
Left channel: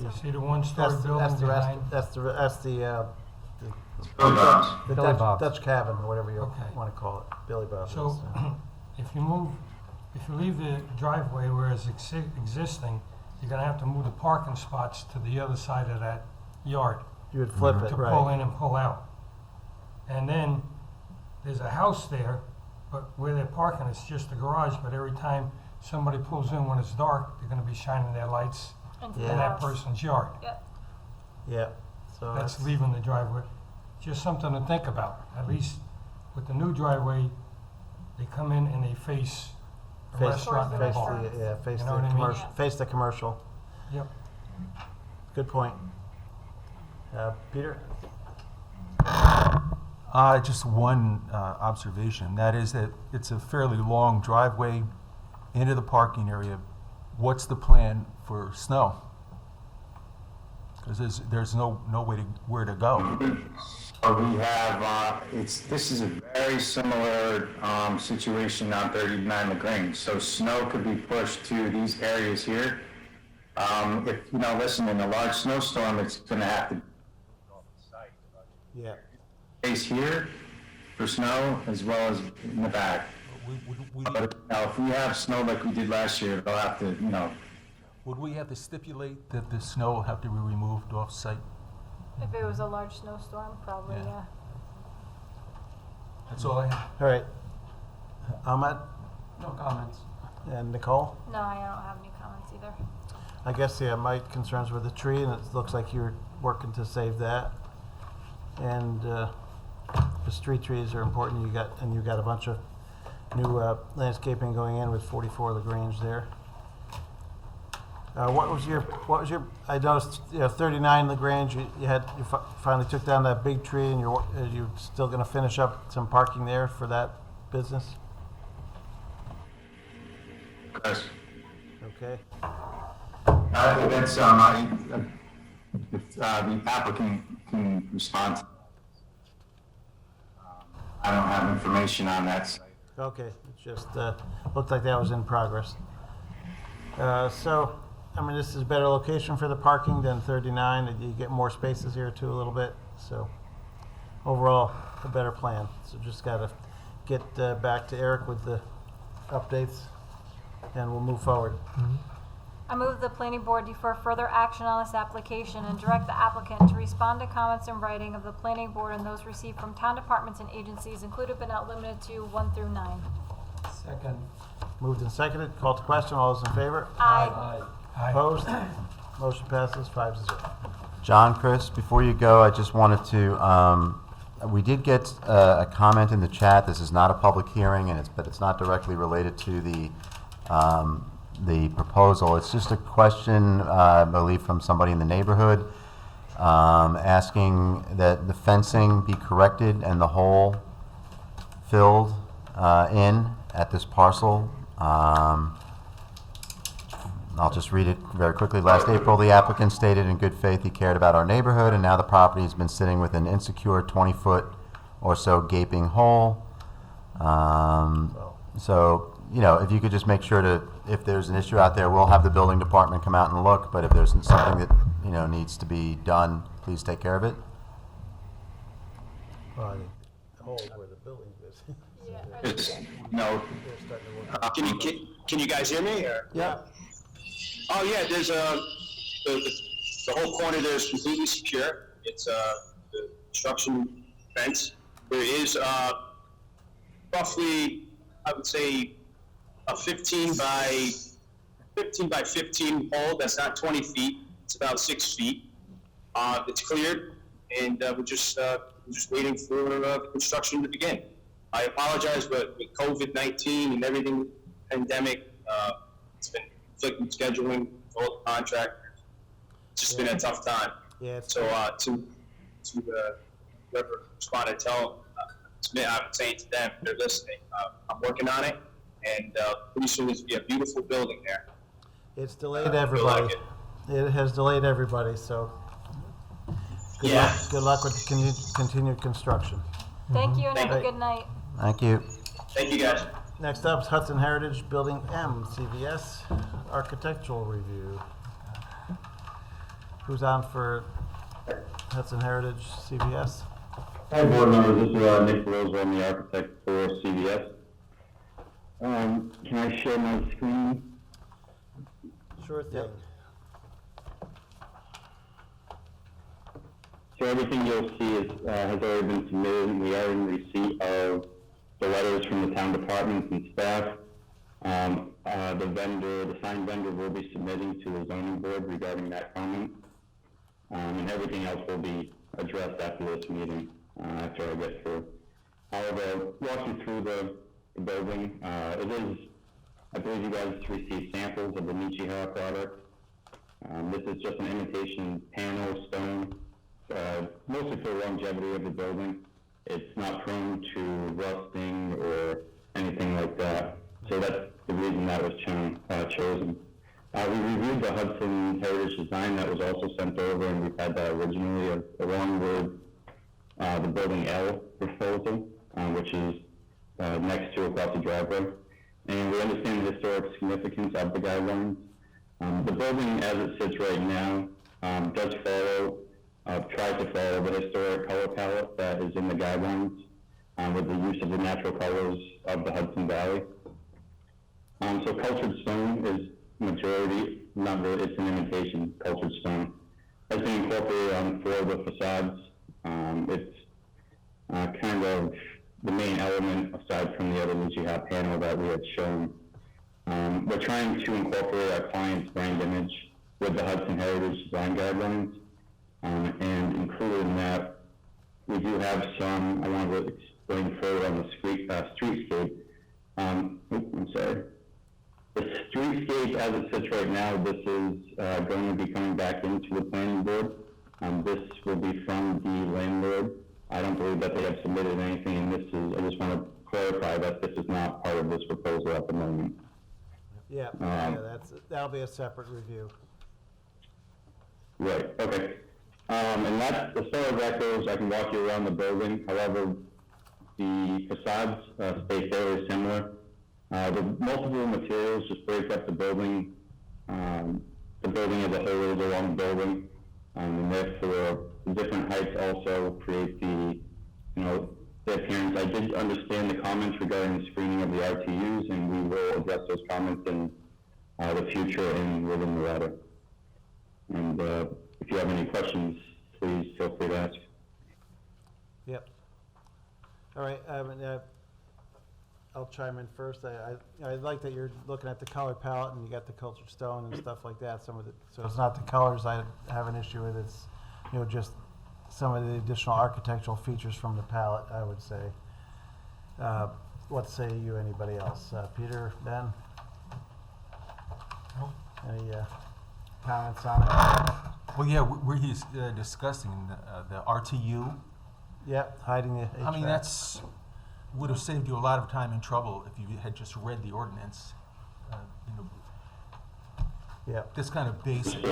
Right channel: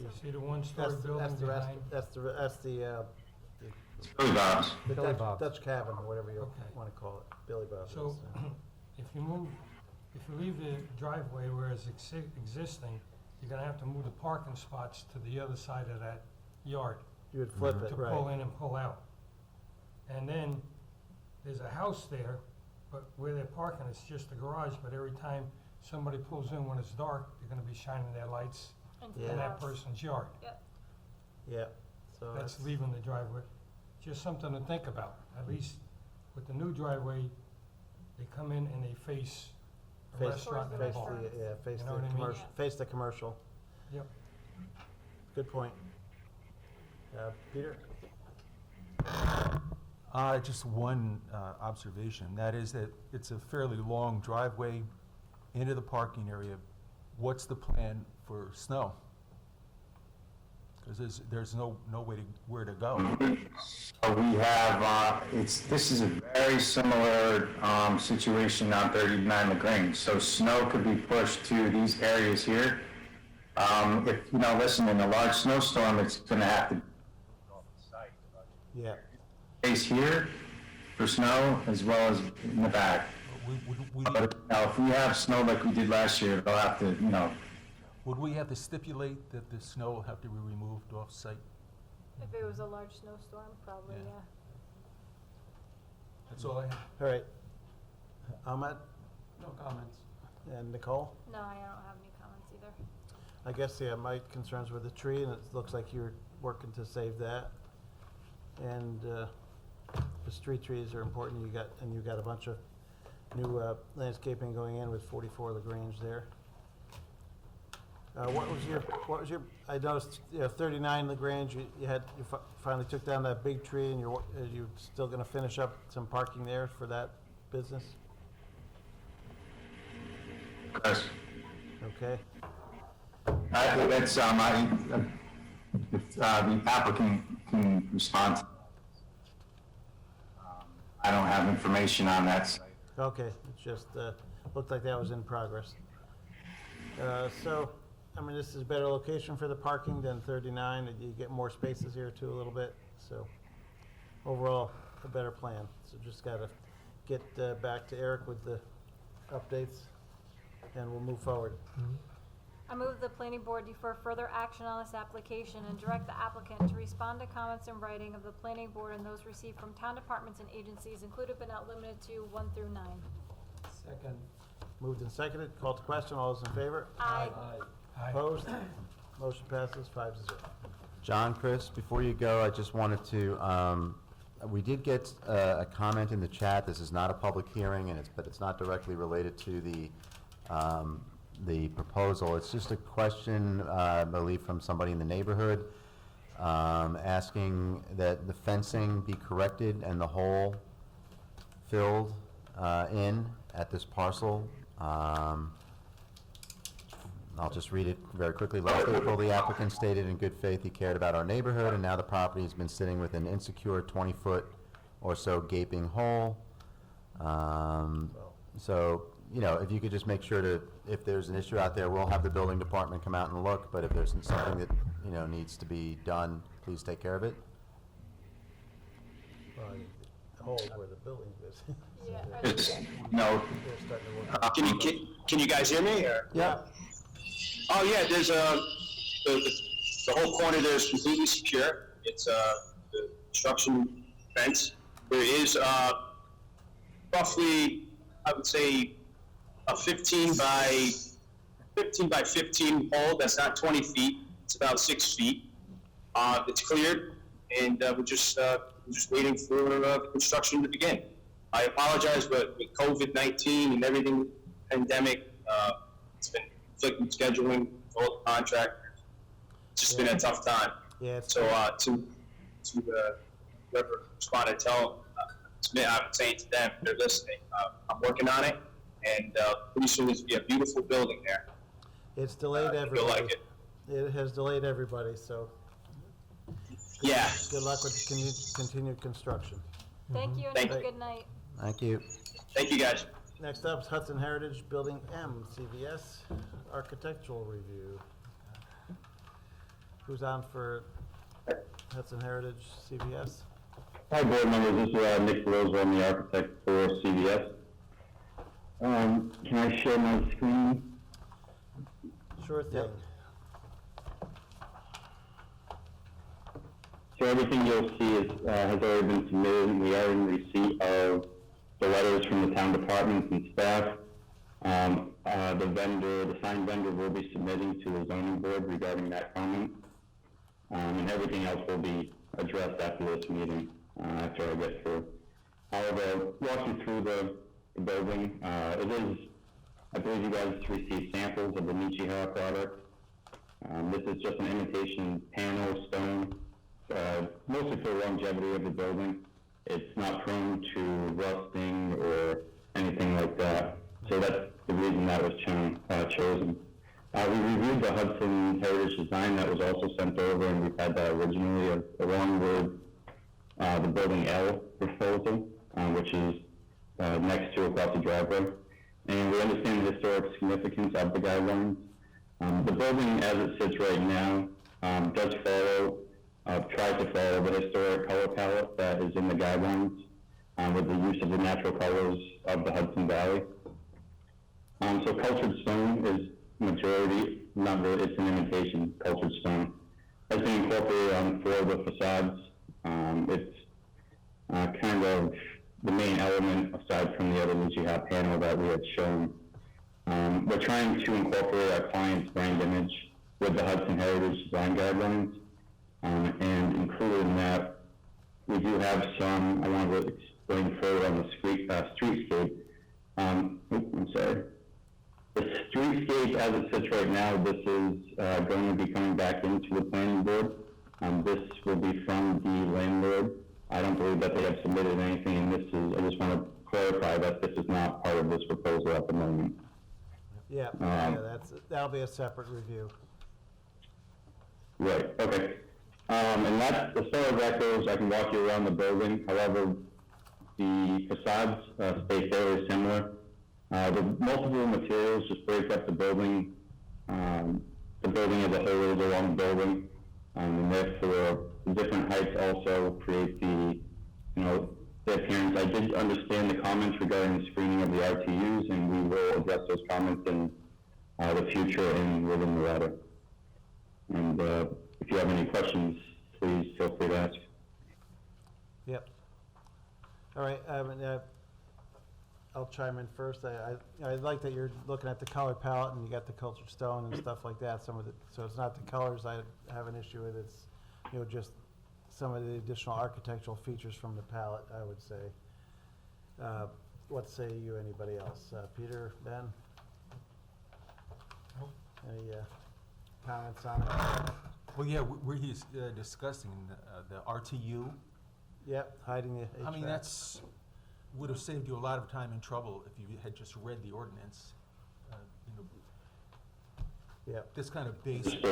You see the one-story That's building the rest, behind? that's the Billy Bob's. Billy Bob's. Dutch cabin, or whatever you Okay. want to call it, Billy Bob's. So, if you leave the driveway where it's existing, you're gonna have to move the parking spots to the other side of that yard You would flip it, to pull right? in and pull out. And then, there's a house there, but where they're parking, it's just a garage, but every time somebody pulls in when it's dark, they're gonna be shining their lights Into Yeah. the in that house. person's yard. Yep. Yeah, so That's that's, leaving the driveway. Just something to think about. At least with the new driveway, they come in and they face the face, restaurant and the face bar. the, yeah, face You the know what I mean? commercial, face the commercial. Yep. Good point. Peter? Just one observation, that is that it's a fairly long driveway into the parking area. What's the plan for snow? Because there's no where to go. We have, this is a very similar situation on 39 LaGrange. So snow could be pushed to these areas here. If, listen, in a large snowstorm, it's gonna have to Yeah. space here for snow as well as in the back. But if we have snow like we did last year, they'll have to, Would we have to stipulate that the snow will have to be removed off-site? If it was a large snowstorm, probably, Yeah. yeah. That's all I have. All right. Ahmed No comments. and Nicole? No, I don't have any comments either. I guess, yeah, my concerns were the tree, and it looks like you're working to save that. And, the street trees are important, you got a bunch of new, landscaping going in with 44 LaGrange there. What was your, I noticed, 39 LaGrange, you finally took down that big tree, and you're still gonna finish up some parking there for that business? Yes. Okay. That's, if the applicant can respond. I don't have information on that site. Okay, it's just, looked like that was in progress. So, I mean, this is a better location for the parking than 39, and you get more spaces here too a little bit, so overall, a better plan. So just gotta get back to Eric with the updates, and we'll move forward. I move the planning board defer further action on this application and direct the applicant to respond to comments in writing of the planning board and those received from town departments and agencies included but not limited to 1 through 9. Second. Moved and seconded, called to question, all those in favor? Aye. Opposed? Motion passes 5-0. John, Chris, before you go, I just wanted to, we did get a comment in the chat. This is not a public hearing, but it's not directly related to the proposal. It's just a question, I believe, from somebody in the neighborhood, asking that the fencing be corrected and the hole filled in at this parcel. I'll just read it very quickly. Last April, the applicant stated in good faith he cared about our neighborhood, and now the property has been sitting with an insecure 20-foot or so gaping hole. So, if you could just make sure if there's an issue out there, we'll have the building department come out and look, but if there's something that, needs to be done, please take care of it. The hole where the building is. It's, can you guys hear me? Or? Yeah. Oh yeah, there's the whole corner there is completely secure. It's the construction fence. There is roughly, I would say, a 15 by 15 hole. That's not 20 feet. It's about 6 feet. It's cleared, and we're just waiting for the construction to begin. I apologize, but with COVID-19 and everything, pandemic, it's been conflicting scheduling with all the contractors. It's just been a tough time. Yeah. So to whoever responded, tell them, I'm saying to them, they're listening. I'm working on it, and pretty soon there's gonna be a beautiful building there. It's delayed I feel everybody. like It has delayed everybody, so. Yeah. Good luck with the continued construction. Thank you and Thank have a you. good night. Thank you. Thank you, guys. Next up is Hudson Heritage Building M, CVS, architectural review. Who's on for Hudson Heritage, CVS? Hi, board members. This is Nick Rose. I'm the architect for CVS. Can I share my screen? Sure thing. So everything you'll see has already been submitted, and we are in receipt of the letters from the town departments and staff. The signed vendor will be submitting to the zoning board regarding that comment. And everything else will be addressed after this meeting, after I get through. I'll walk you through the building. I believe you guys received samples of the Nichihara product. This is just an imitation panel stone, mostly for the longevity of the building. It's not prone to rusting or anything like that. So that's the reason that was chosen. We reviewed the Hudson Heritage design that was also sent over, and we've had that originally along with the Building L proposal, which is next to across the driveway. And we understand the historic significance of the guidelines. The building as it sits right now does tries to follow the historic color palette that is in the guidelines with the use of the natural colors of the Hudson Valley. So cultured stone is majority, not really, it's an imitation cultured stone, has been incorporated on four of the facades. It's kind of the main element aside from the other Lucia panel that we had shown. We're trying to incorporate our client's brand image with the Hudson Heritage Design Guidelines, and included in that, we do have some, I want to explain further on the streetscape. I'm sorry. The streetscape as it sits right now, this is going to be coming back into the planning board. This will be from the landlord. I don't believe that they have submitted anything, and this is, I just want to clarify that this is not part of this proposal at the moment. Yeah, that'll be a separate review. Right, okay. And that's, as far as that goes, I can walk you around the building. However, the facades stay fairly similar. The multiple materials just break up the building. The building as a whole is a long building. And therefore, the different heights also create the, the appearance. I did understand the comments regarding the screening of the RTUs, and we will address those comments in the future and within the letter. And if you have any questions, please feel free to ask. Yep. All right, I'll chime in first. I like that you're looking at the color palette and you got the cultured stone and stuff like that. Some of the, so it's not the colors I have an issue with. It's, just some of the additional architectural features from the palette, I would say. What say you, anybody else? Peter, Ben? Any comments on it? Well, yeah, we're discussing the RTU. Yep, hiding the HVAC. I mean, that's, would have saved you a lot of time and trouble if you had just read the ordinance. Yeah. This kind of basic.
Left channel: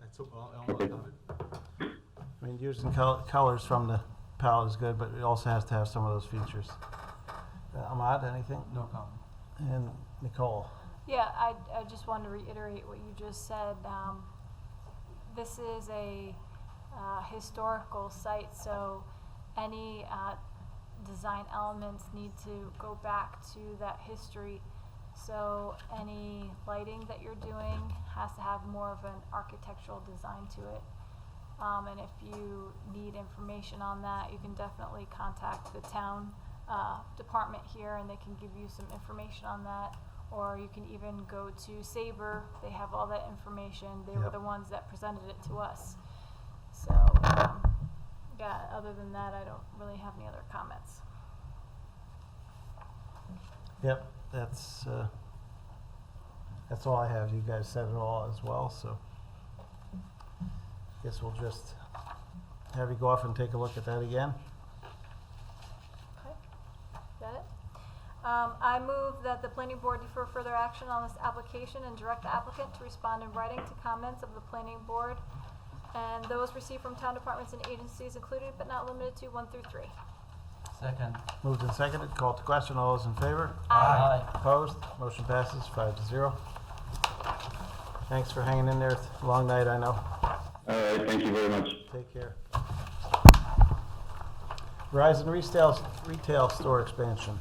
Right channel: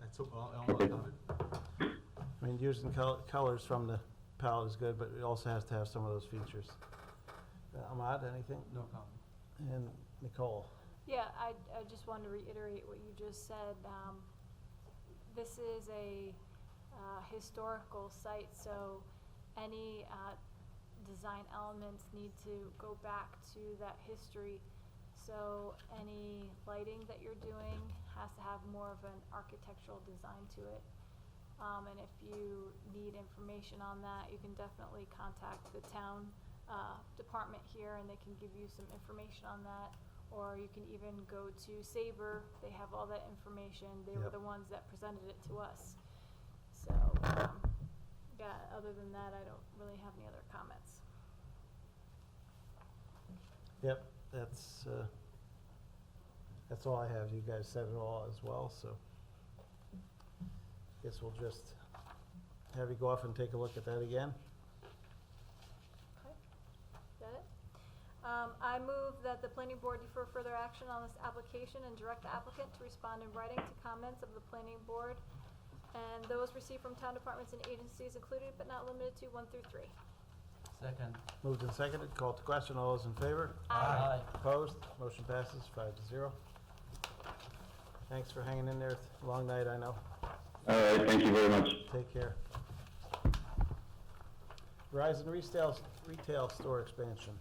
That's all I mean, using colors from the palette is good, but it also has to have some of those features. Ahmad, anything? No comment. And Nicole? Yeah, I just wanted to reiterate what you just said. This is a historical site, so any design elements need to go back to that history. So any lighting that you're doing has to have more of an architectural design to it. And if you need information on that, you can definitely contact the town department here, and they can give you some information on that. Or you can even go to Sabre. They have all that information. They were the ones that presented it to us. So, yeah, other than that, I don't really have any other comments. Yep, that's all I have. You guys said it all as well, so guess we'll just have you go off and take a look at that again. Okay, is that it? I move that the planning board defer further action on this application and direct the applicant to respond in writing to comments of the planning board and those received from town departments and agencies included but not limited to 1 through 3. Second. Moved and seconded. Call to question. All those in favor? Aye. Opposed? Motion passes 5-0. Thanks for hanging in there. It's a long night, I know. All right, thank you very much. Take care. Verizon retail store expansion.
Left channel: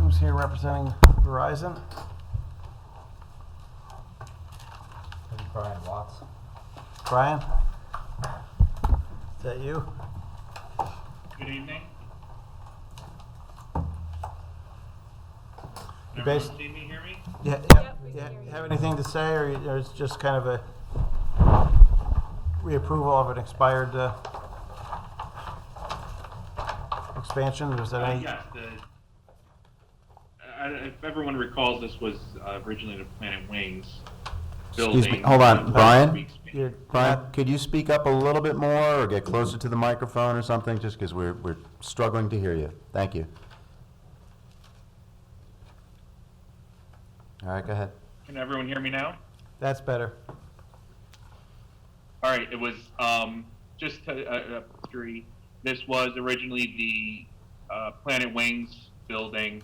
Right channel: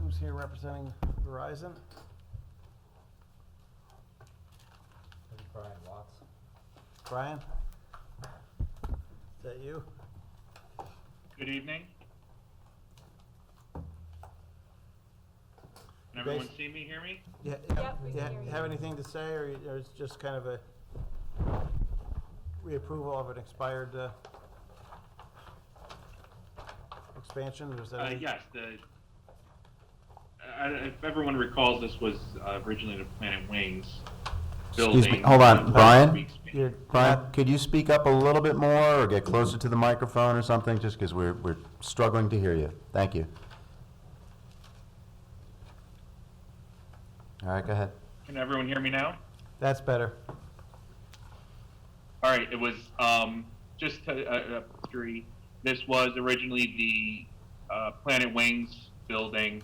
Who's here representing Verizon? Maybe Brian Watts. Brian? Is that you? Good evening. Can Bas- everyone see me, hear me? Yeah, Yep, we can yeah. hear you. Have anything to say, or it's just kind of a reapproval of an expired expansion? Or is that any- Yes, if everyone recalls, this was originally the Planet Wings building. Excuse me, hold on, Brian? You're Brian, not- could you speak up a little bit more or get closer to the microphone or something, just because we're struggling to hear you. Thank you. All right, go ahead. Can everyone hear me now? That's better. All right, it was just history. This was originally the Planet Wings building.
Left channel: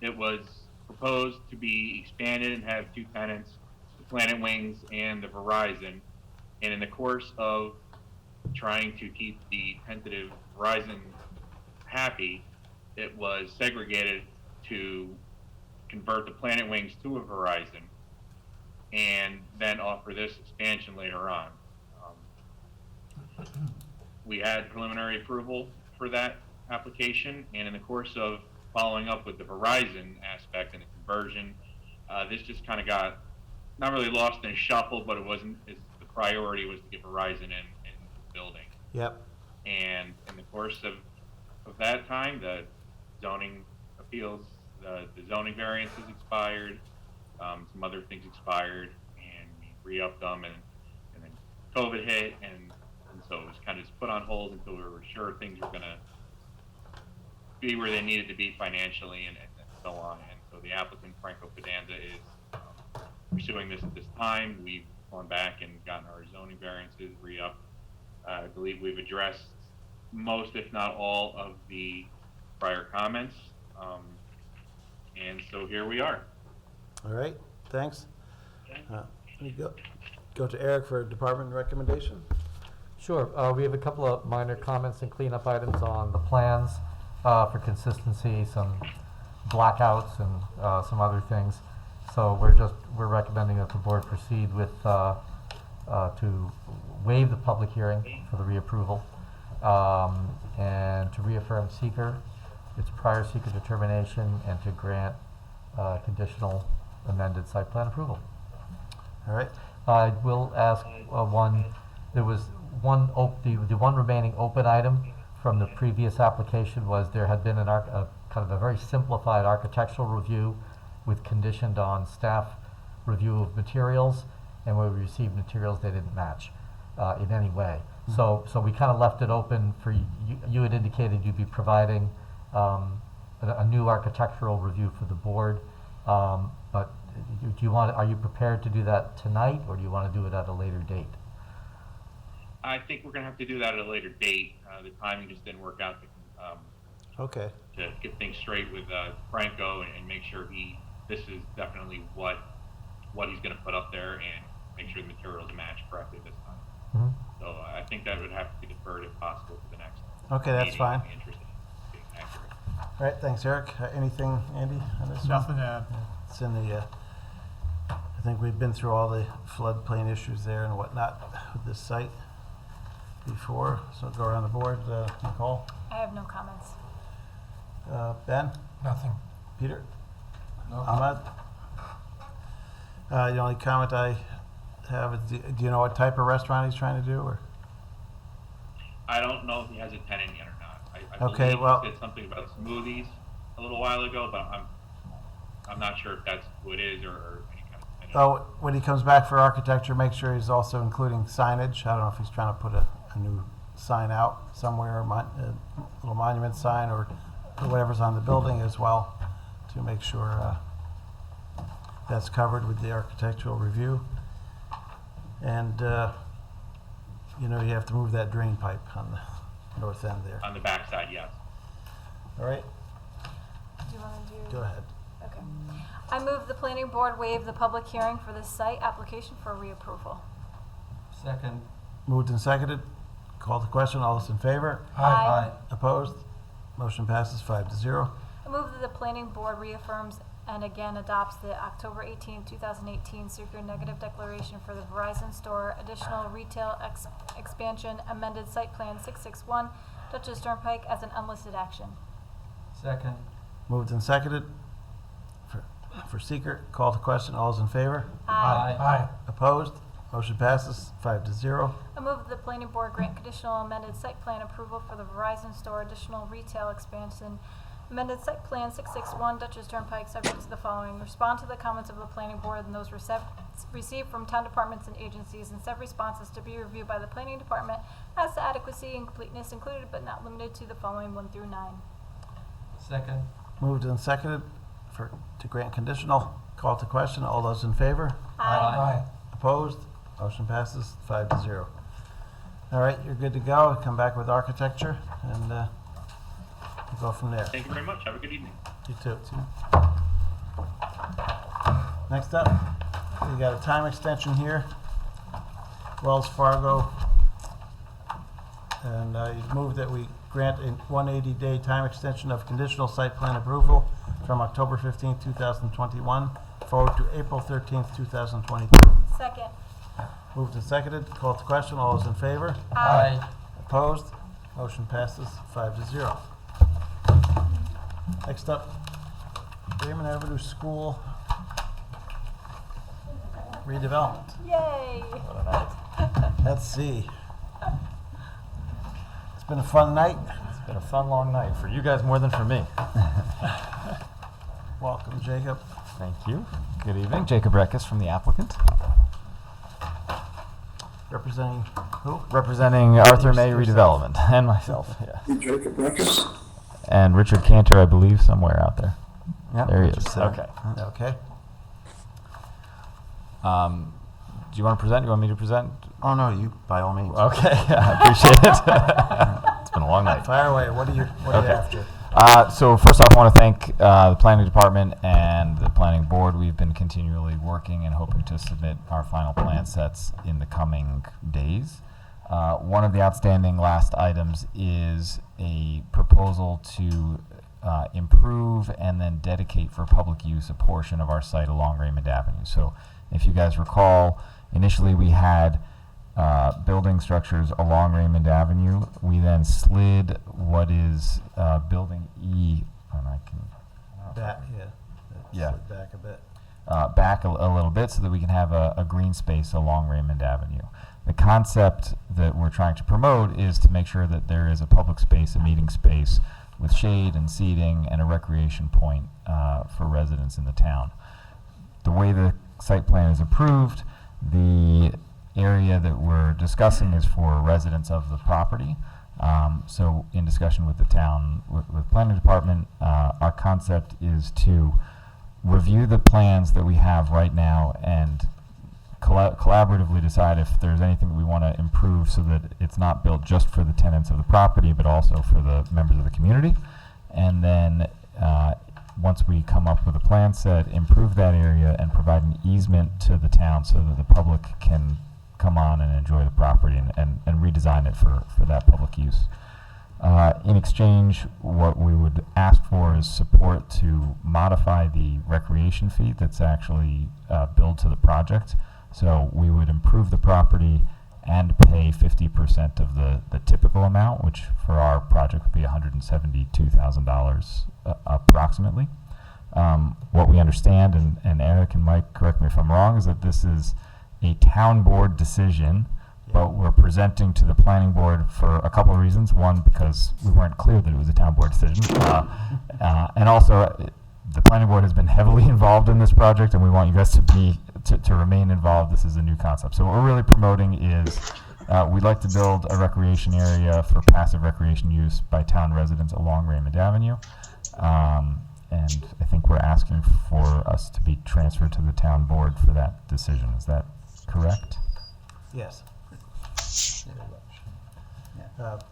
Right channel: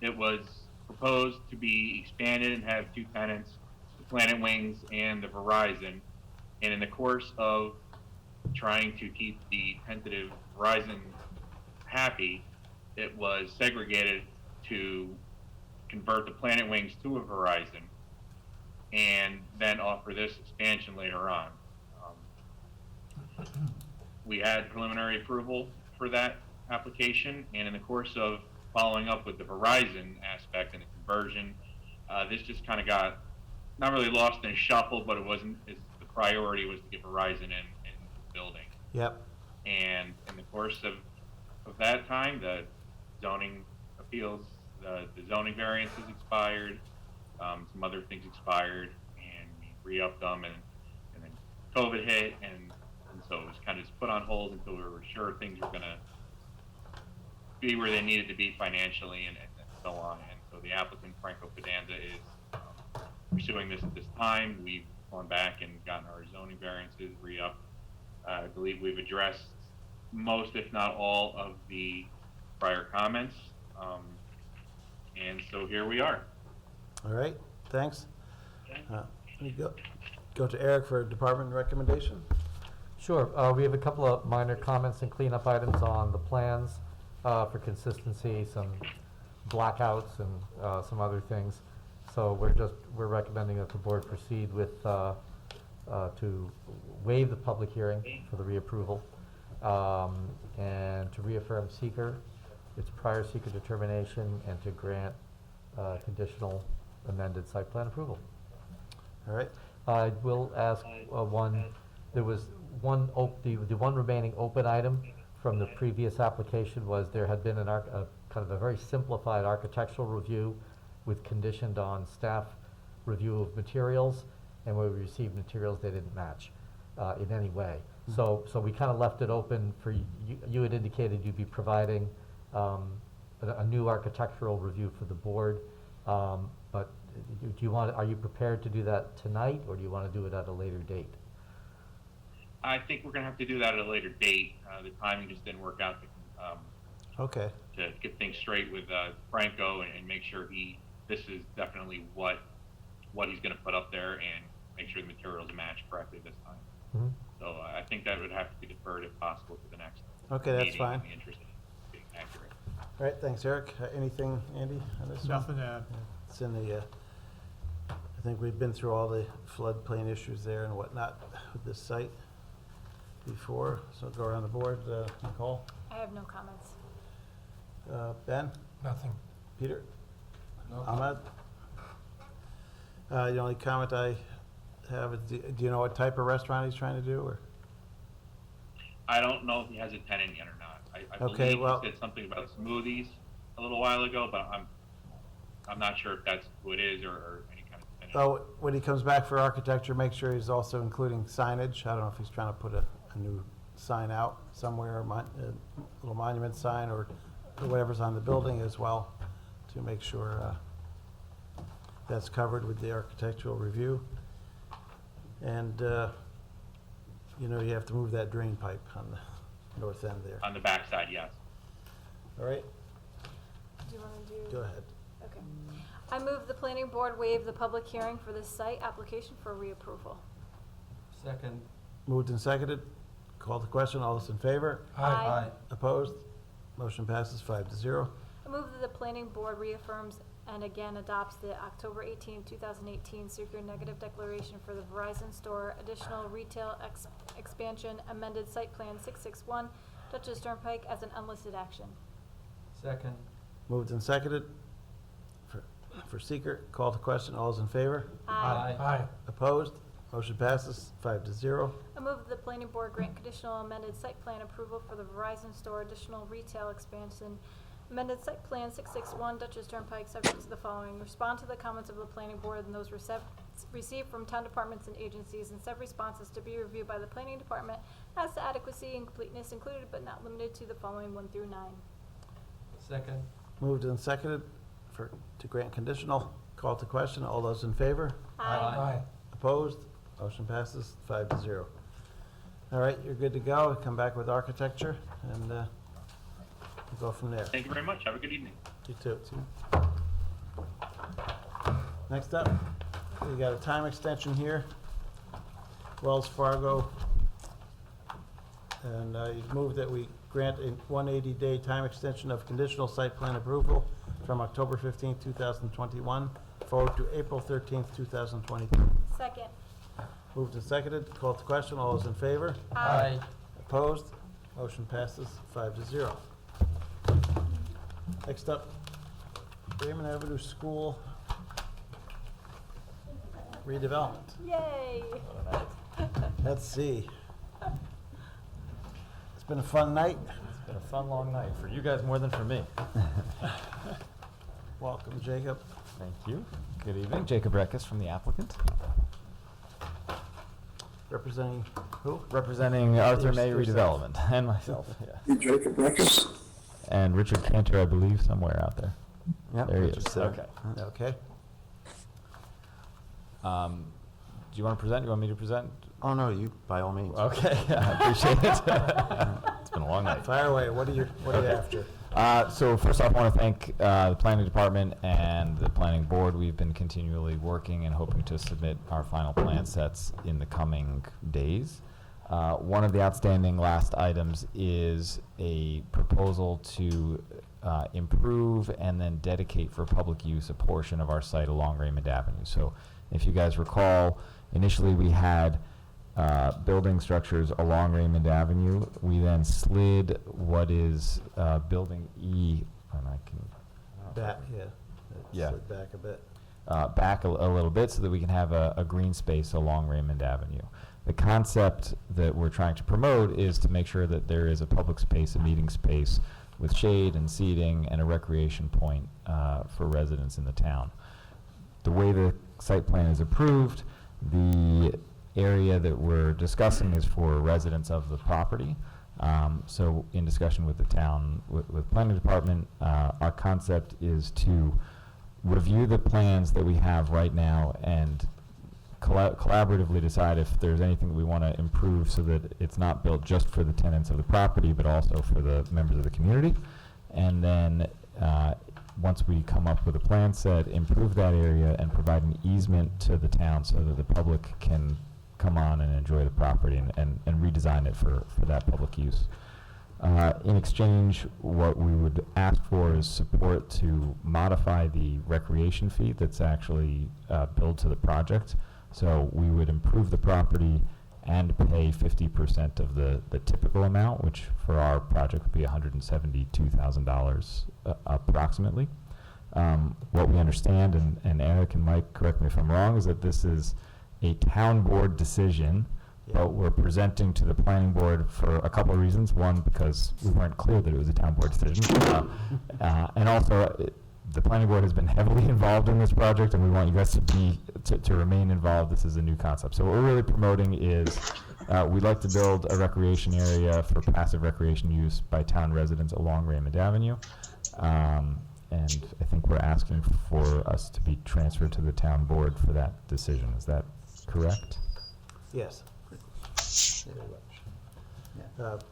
It was proposed to be expanded and have two tenants, the Planet Wings and the Verizon. And in the course of trying to keep the tentative Verizon happy, it was segregated to convert the Planet Wings to a Verizon and then offer this expansion later on. We had preliminary approval for that application, and in the course of following up with the Verizon aspect and the conversion, this just kind of got not really lost in a shuffle, but it wasn't, the priority was to get Verizon in the building. Yep. And in the course of that time, the zoning appeals, the zoning variances expired, some other things expired, and we re-upped them, and then COVID hit, and so it was kind of just put on hold until we were sure things were going to be where they needed to be financially and so on. And so the applicant, Franco Fidanza, is pursuing this at this time. We've gone back and gotten our zoning variances re-upped. I believe we've addressed most, if not all, of the prior comments. And so here we are. All right, thanks. Let me go to Eric for a department recommendation. Sure, we have a couple of minor comments and cleanup items on the plans for consistency, some blackouts and some other things. So we're recommending that the board proceed with to waive the public hearing for the reapproval and to reaffirm seeker, its prior seeker determination, and to grant conditional amended site plan approval. All right. I will ask there was the one remaining open item from the previous application was there had been kind of a very simplified architectural review with conditioned on staff review of materials, and when we received materials they didn't match in any way. So we kind of left it open for you had indicated you'd be providing a new architectural review for the board, but are you prepared to do that tonight, or do you want to do it at a later date? I think we're going to have to do that at a later date. The timing just didn't work out Okay. to get things straight with Franco and make sure this is definitely what he's going to put up there, and make sure the materials match correctly this time. Mm-hmm. So I think that would have to be deferred if possible to the next Okay, that's meeting, fine. in the interest of being accurate. All right, thanks, Eric. Anything, Andy, on this one? Nothing to add. It's in the, I think we've been through all the floodplain issues there and whatnot with this site before, so go around the board. Nicole? I have no comments. Ben? Nothing. Peter? No. Ahmad? The only comment I have is, do you know what type of restaurant he's trying to do, or? I don't know if he has a tenant yet or not. I Okay, believe well- he said something about smoothies a little while ago, but I'm not sure if that's who it is or any kind of tenant. Oh, when he comes back for architecture, make sure he's also including signage. I don't know if he's trying to put a new sign out somewhere, a little monument sign or whatever's on the building as well, to make sure that's covered with the architectural review. And, you have to move that drain pipe on the north end there. On the backside, yes. All right, Do you want to do? go ahead. Okay. I move the planning board waive the public hearing for this site application for reapproval. Second. Moved and seconded. Call the question. All those in favor? Aye. Opposed? Motion passes 5-0. I move that the planning board reaffirms and again adopts the October 18, 2018 secret negative declaration for the Verizon store additional retail expansion amended site plan 661 Dutchess Turnpike as an unlisted action. Second. Moved and seconded. For seeker, call the question. All those in favor? Aye. Opposed? Motion passes 5-0. I move that the planning board grant conditional amended site plan approval for the Verizon store additional retail expansion amended site plan 661 Dutchess Turnpike subject to the following. Respond to the comments of the planning board and those received from town departments and agencies, and said responses to be reviewed by the planning department as to adequacy and completeness included but not limited to the following 1 through 9. Second. Moved and seconded to grant conditional. Call to question. All those in favor? Aye. Opposed? Motion passes 5-0. All right, you're good to go. Come back with architecture and we'll go from there. Thank you very much. Have a good evening. You too. Next up, we got a time extension here. Wells Fargo. And you moved that we grant a 180-day time extension of conditional site plan approval from October 15th, 2021, forward to April 13th, 2022. Second. Moved and seconded, called to question, all those in favor? Aye. Opposed? Motion passes 5-0. Next up, Raymond Avenue School redevelopment. Yay. Let's see. It's been a fun night. It's been a fun, long night, for you guys more than for me. Welcome, Jacob. Thank you. Good evening. Jacob Reckes from the applicant. Representing who? Representing Arthur May Yourself. Redevelopment, and myself, yes. Jacob Reckes. And Richard Cantor, I believe, somewhere out there. Yeah, There he Richard's is. there. Okay. Okay. Do you want to present? You want me to present? Oh, no, you, by all means. Okay, I appreciate it. It's been a long night. Fire away. What are you Okay. after? So first off, I want to thank the planning department and the planning board. We've been continually working and hoping to submit our final plan sets in the coming days. One of the outstanding last items is a proposal to improve and then dedicate for public use a portion of our site along Raymond Avenue. So if you guys recall, initially we had building structures along Raymond Avenue. We then slid what is building E, and I can Back, yeah. Yeah. Slid back a bit. back a little bit so that we can have a green space along Raymond Avenue. The concept that we're trying to promote is to make sure that there is a public space, a meeting space with shade and seating and a recreation point for residents in the town. The way the site plan is approved, the area that we're discussing is for residents of the property. So in discussion with the town, with planning department, our concept is to review the plans that we have right now and collaboratively decide if there's anything that we want to improve so that it's not built just for the tenants of the property, but also for the members of the community. And then once we come up with a plan set, improve that area and provide an easement to the town so that the public can come on and enjoy the property and redesign it for that public use. In exchange, what we would ask for is support to modify the recreation fee that's actually billed to the project. So we would improve the property and pay 50% of the typical amount, which for our project would be $172,000 approximately. What we understand, and Eric and Mike, correct me if I'm wrong, is that this is a town board decision, but we're presenting to the planning board for a couple of reasons. One, because we weren't clear that it was a town board decision. And also, the planning board has been heavily involved in this project, and we want you guys to remain involved. This is a new concept. So what we're really promoting is we'd like to build a recreation area for passive recreation use by town residents along Raymond Avenue. And I think we're asking for us to be transferred to the town board for that decision. Is that correct? Yes.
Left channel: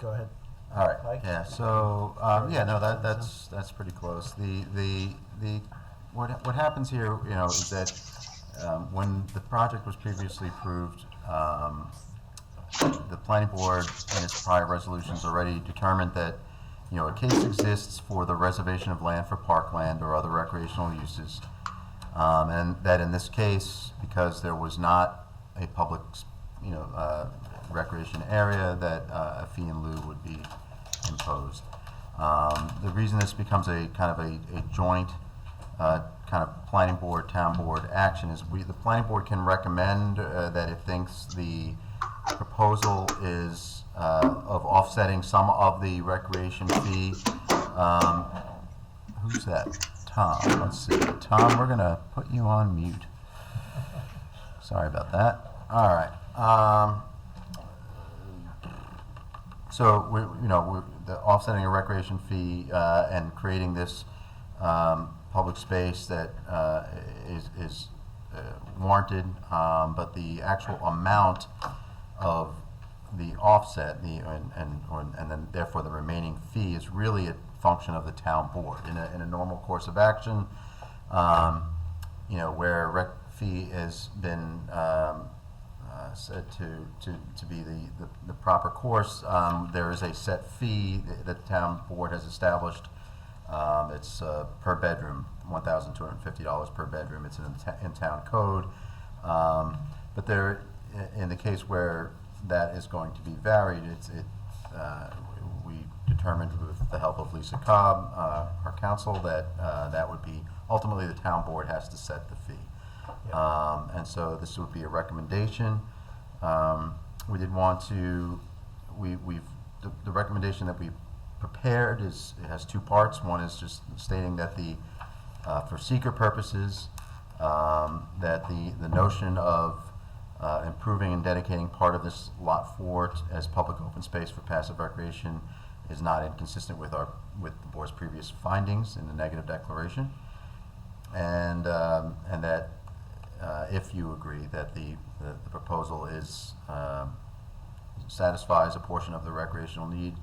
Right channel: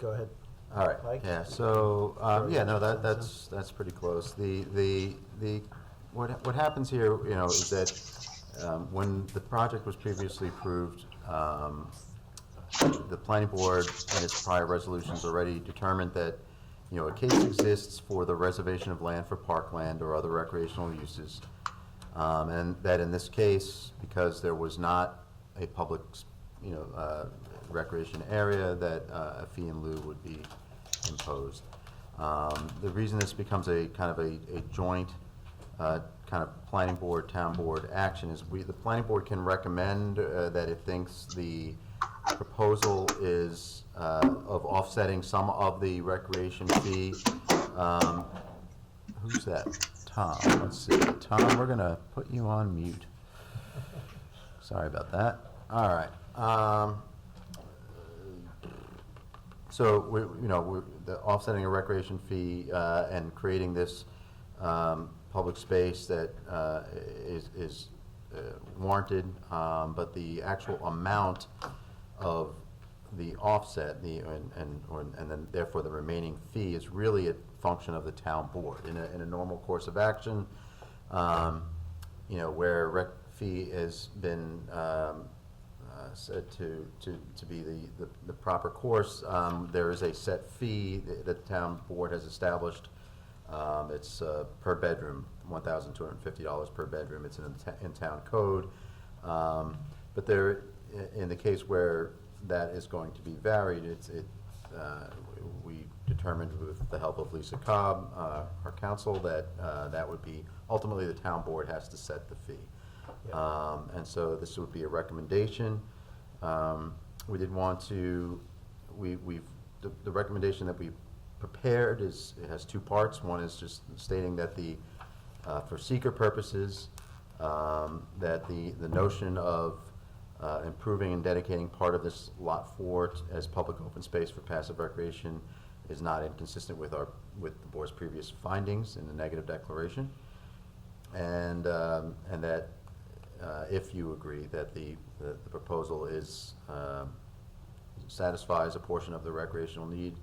Go ahead. All right. Mike? Yeah. So yeah, no, that's pretty close. What happens here, you know, is that when the project was previously approved, the planning board in its prior resolutions already determined that, you know, a case exists for the reservation of land for parkland or other recreational uses, and that in this case, because there was not a public, you know, recreation area, that a fee in lieu would be imposed. The reason this becomes a kind of a joint kind of planning board, town board action is the planning board can recommend that it thinks the proposal is of offsetting some of the recreation fee. Who's that? Tom. Let's see. Tom, we're gonna put you on mute. Sorry about that. All right. So the offsetting a recreation fee and creating this public space that is warranted, but the actual amount of the offset and then therefore the remaining fee is really a function of the town board in a normal course of action. You know, where rec fee has been said to be the proper course. There is a set fee that the town board has established. It's per bedroom, $1,250 per bedroom. It's in town code. But there, in the case where that is going to be varied, we determined with the help of Lisa Cobb, our counsel, that that would be, ultimately the town board has to set the fee. And so this would be a recommendation. We did want to, the recommendation that we prepared it has two parts. One is just stating that for seeker purposes, that the notion of improving and dedicating part of this lot 4 as public open space for passive recreation is not inconsistent with the board's previous findings in the negative declaration, and that if you agree that the proposal satisfies a portion of the recreational need,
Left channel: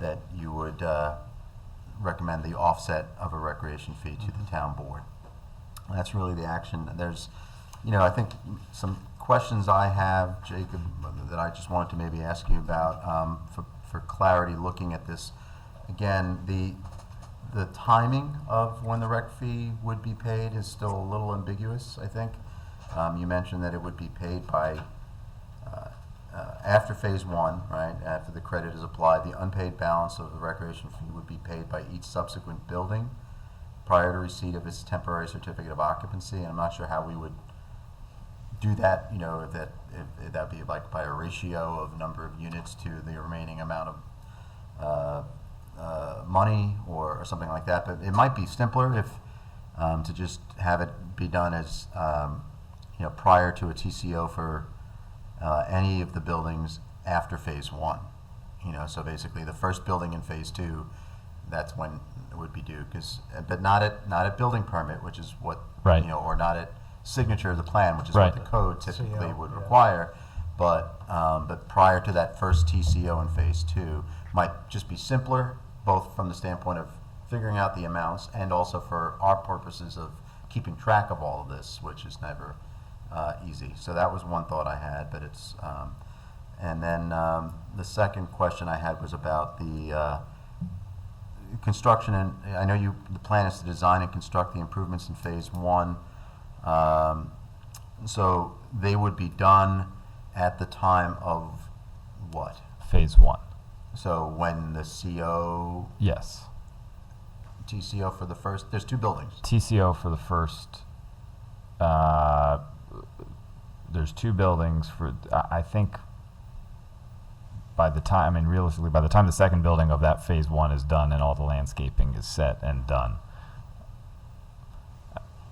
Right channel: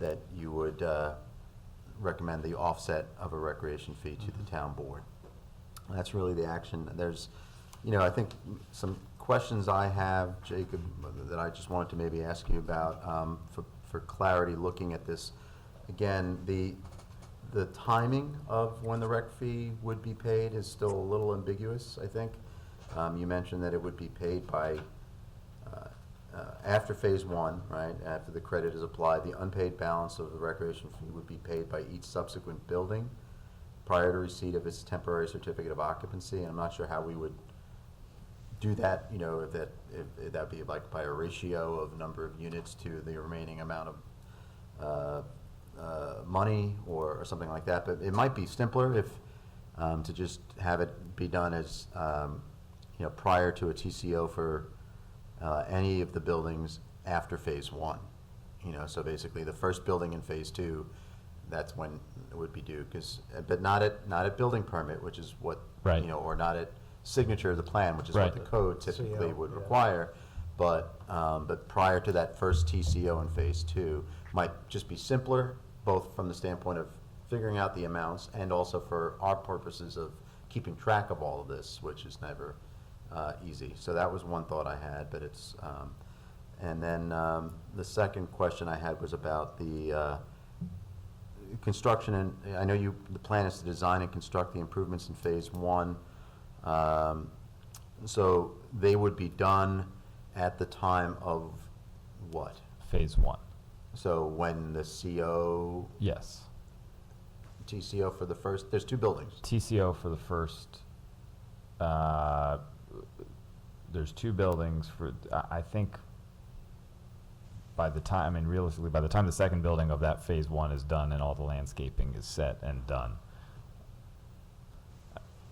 that you would recommend the offset of a recreation fee to the town board. That's really the action. There's, I think some questions I have, Jacob, that I just wanted to maybe ask you about for clarity looking at this. Again, the timing of when the rec fee would be paid is still a little ambiguous, I think. You mentioned that it would be paid by after phase 1, right? After the credit is applied, the unpaid balance of the recreation fee would be paid by each subsequent building prior to receipt of its temporary certificate of occupancy. And I'm not sure how we would do that, if that'd be like by a ratio of number of units to the remaining amount of money or something like that. But it might be simpler if to just have it be done as prior to a TCO for any of the buildings after phase 1. So basically the first building in phase 2, that's when it would be due. But not at building permit, which is what, Right. Or not at signature of the plan, which is Right. what the code typically CO, would yeah. require. But prior to that first TCO in phase 2 might just be simpler, both from the standpoint of figuring out the amounts and also for our purposes of keeping track of all of this, which is never easy. So that was one thought I had, but it's, and then the second question I had was about the construction, and I know the plan is to design and construct the improvements in phase 1. So they would be done at the time of what? Phase 1. So when the CO, Yes. TCO for the first, there's 2 buildings. TCO for the first, there's 2 buildings for, I think realistically, by the time the second building of that phase 1 is done and all the landscaping is set and done,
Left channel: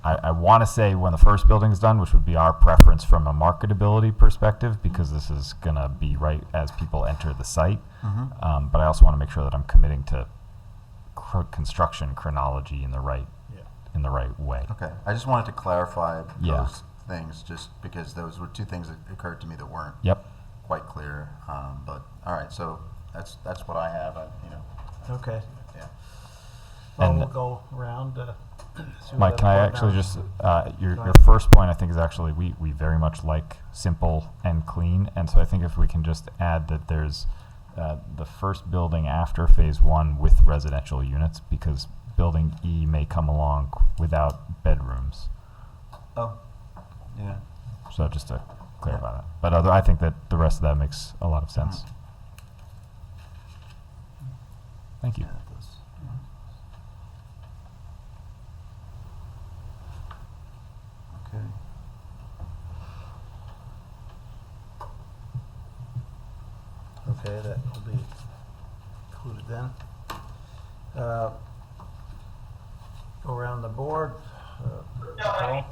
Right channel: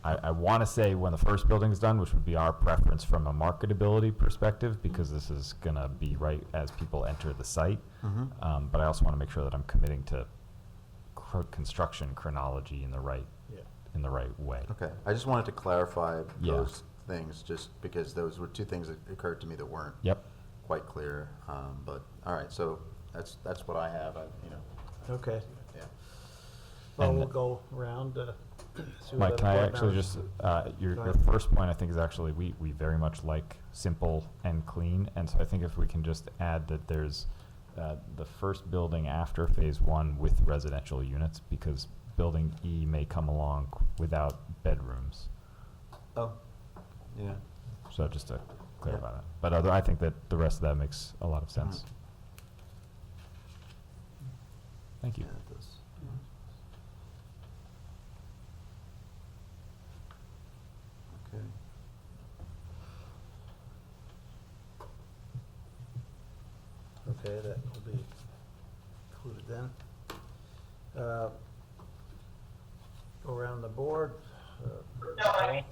I want to say when the first building is done, which would be our preference from a marketability perspective, because this is going to be right as people enter the site. Mm-hmm. But I also want to make sure that I'm committing to construction chronology in the right way. Okay, I just wanted to clarify Yeah. those things, just because those were 2 things that occurred to me that weren't Yep. quite clear. But all right, so that's what I have. Okay. Yeah. Well, And- we'll go around. See what Mike, other can I board actually members- just, Go your ahead. first point I think is actually, we very much like simple and clean. And so I think if we can just add that there's the first building after phase 1 with residential units, because building E may come along without bedrooms. Oh, yeah. So just to clarify Yeah. that. But I think that the rest of that makes a lot of sense. Thank you. Yeah, it does. Okay. Okay, that will be included then. Go around the board. Paul?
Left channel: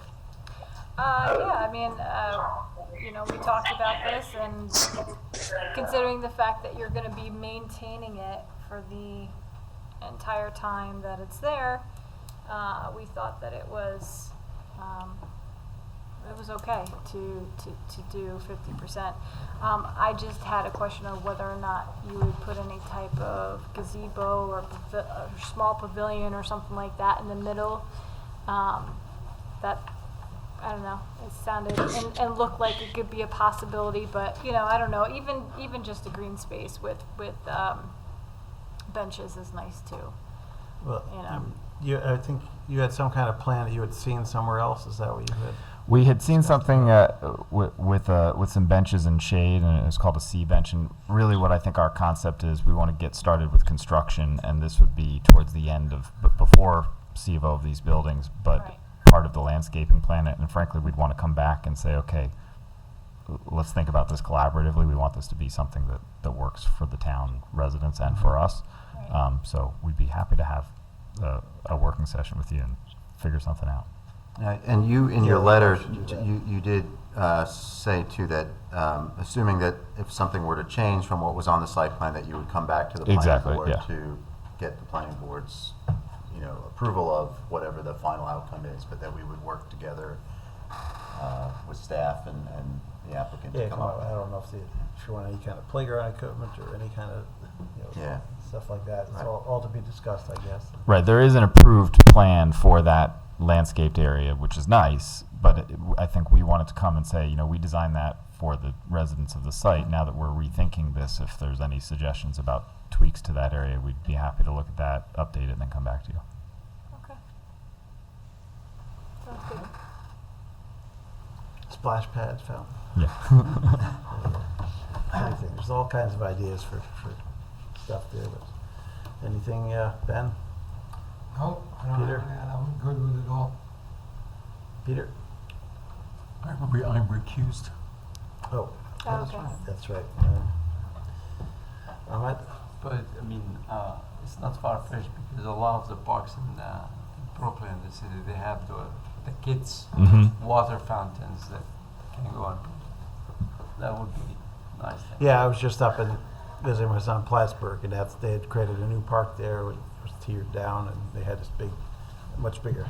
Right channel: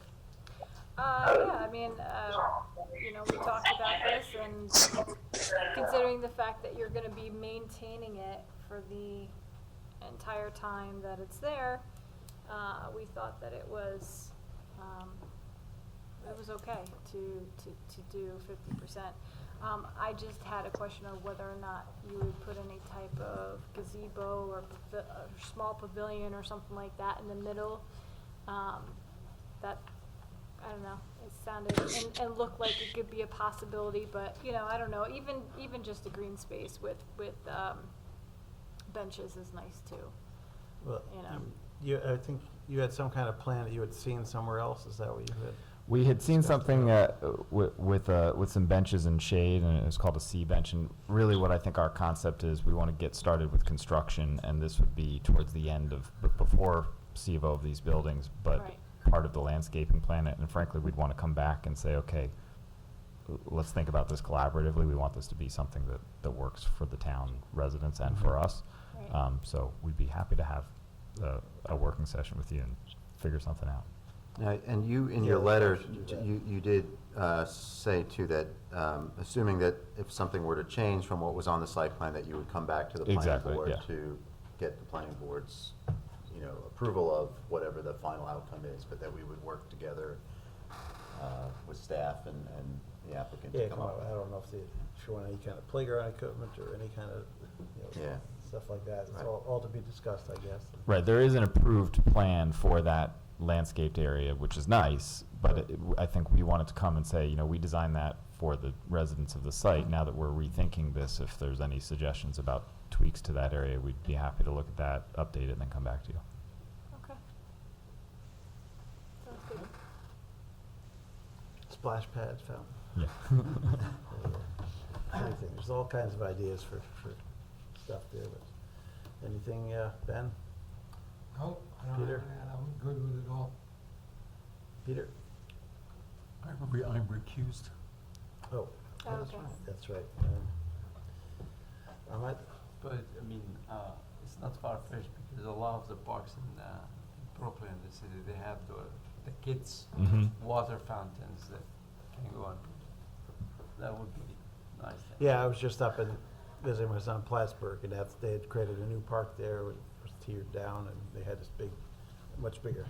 We talked about this, and considering the fact that you're gonna be maintaining it for the entire time that it's there, we thought that it was okay to do 50%. I just had a question of whether or not you would put any type of gazebo or small pavilion or something like that in the middle. That I don't know, it sounded and looked like it could be a possibility, but, you know, I don't know, even just a green space with benches is nice too. Well, You know. I think you had some kind of plan that you had seen somewhere else, is that what you had? We had seen something with some benches and shade, and it was called a C bench. And really, what I think our concept is, we want to get started with construction, and this would be towards the end of, before CVO of these buildings, but Right. part of the landscaping plan. And frankly, we'd want to come back and say, okay, let's think about this collaboratively. We want this to be something that works for the town residents and for us. Right. So we'd be happy to have a working session with you and figure something out. And you, in your letter, you did say too that, assuming that if something were to change from what was on the site plan, that you would come back to the planning Exactly, board yeah. to get the planning board's, approval of whatever the final outcome is, but that we would work together with staff and the applicant to Yeah, come up. I don't know if you want any kind of playground equipment or any kind of, Yeah. stuff like that. It's Right. all to be discussed, I guess. Right, there is an approved plan for that landscaped area, which is nice, but I think we wanted to come and say, we designed that for the residents of the site. Now that we're rethinking this, if there's any suggestions about tweaks to that area, we'd be happy to look at that, update it, and then come back to you. Okay. Sounds good. Splash pads, fountain. Yeah. Anything. There's all kinds of ideas for stuff there, but anything, Ben? Nope, I don't Peter? have that, I'm good with it all. Peter? I'm recused. Oh, Okay. that's right. Ahmed? But, I mean, it's not far-fetched because a lot of the parks in Brooklyn, the city, they have the kids' Mhm. water fountains that can go on. That would be nice. Yeah, I was just up in, visiting my son Plattsburgh, and they had created a new park there, which was tiered down, and they had this big, much bigger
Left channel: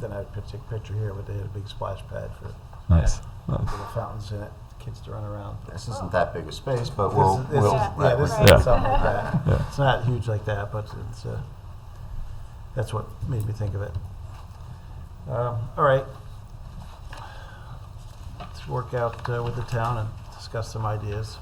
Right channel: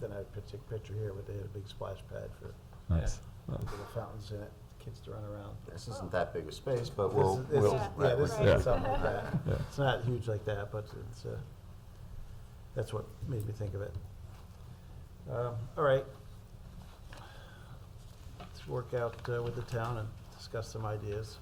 than I take a picture here, but they had a big splash pad for Nice. little fountains in it, kids to run around. This isn't that big a space, but This we'll, is- this is- Yeah. yeah, this Right. is something like that. Yeah. It's not huge like that, but it's, that's what made me think of it. All right. Let's work out with the town and discuss some ideas.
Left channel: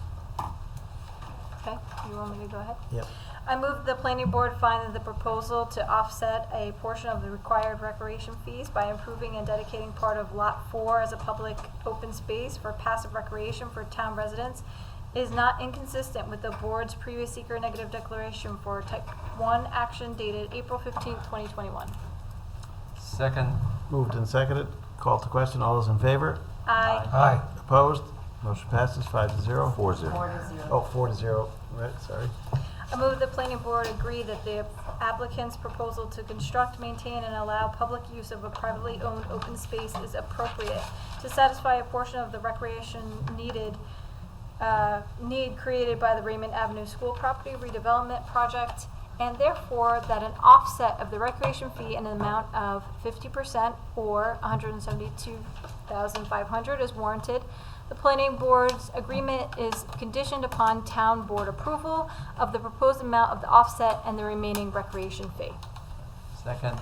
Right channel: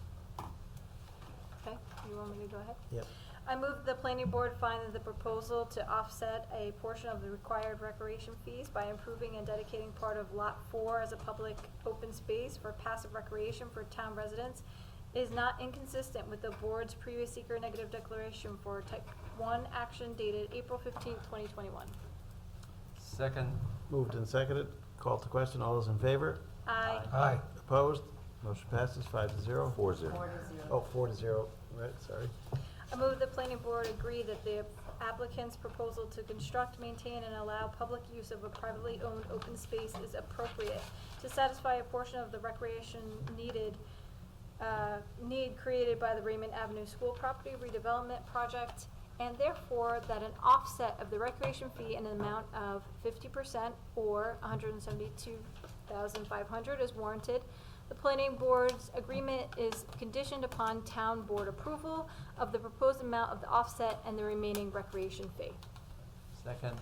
Okay, you want me to go ahead? Yep. I move the planning board find that the proposal to offset a portion of the required recreation fees by improving and dedicating part of Lot 4 as a public open space for passive recreation for town residents is not inconsistent with the board's previous seeker negative declaration for type 1 action dated April 15th, 2021. Second, Moved and seconded. Call to question. All those in favor? Aye. Aye. Opposed? Motion passes 5-0. 4-0. Oh, 4-0. Right, sorry. I move the planning board agree that the applicant's proposal to construct, maintain, and allow public use of a privately owned open space is appropriate to satisfy a portion of the recreation need created by the Raymond Avenue School Property Redevelopment Project, and therefore that an offset of the recreation fee in an amount of 50% or $172,500 is warranted. The planning board's agreement is conditioned upon town board approval of the proposed amount of the offset and the remaining recreation fee. second,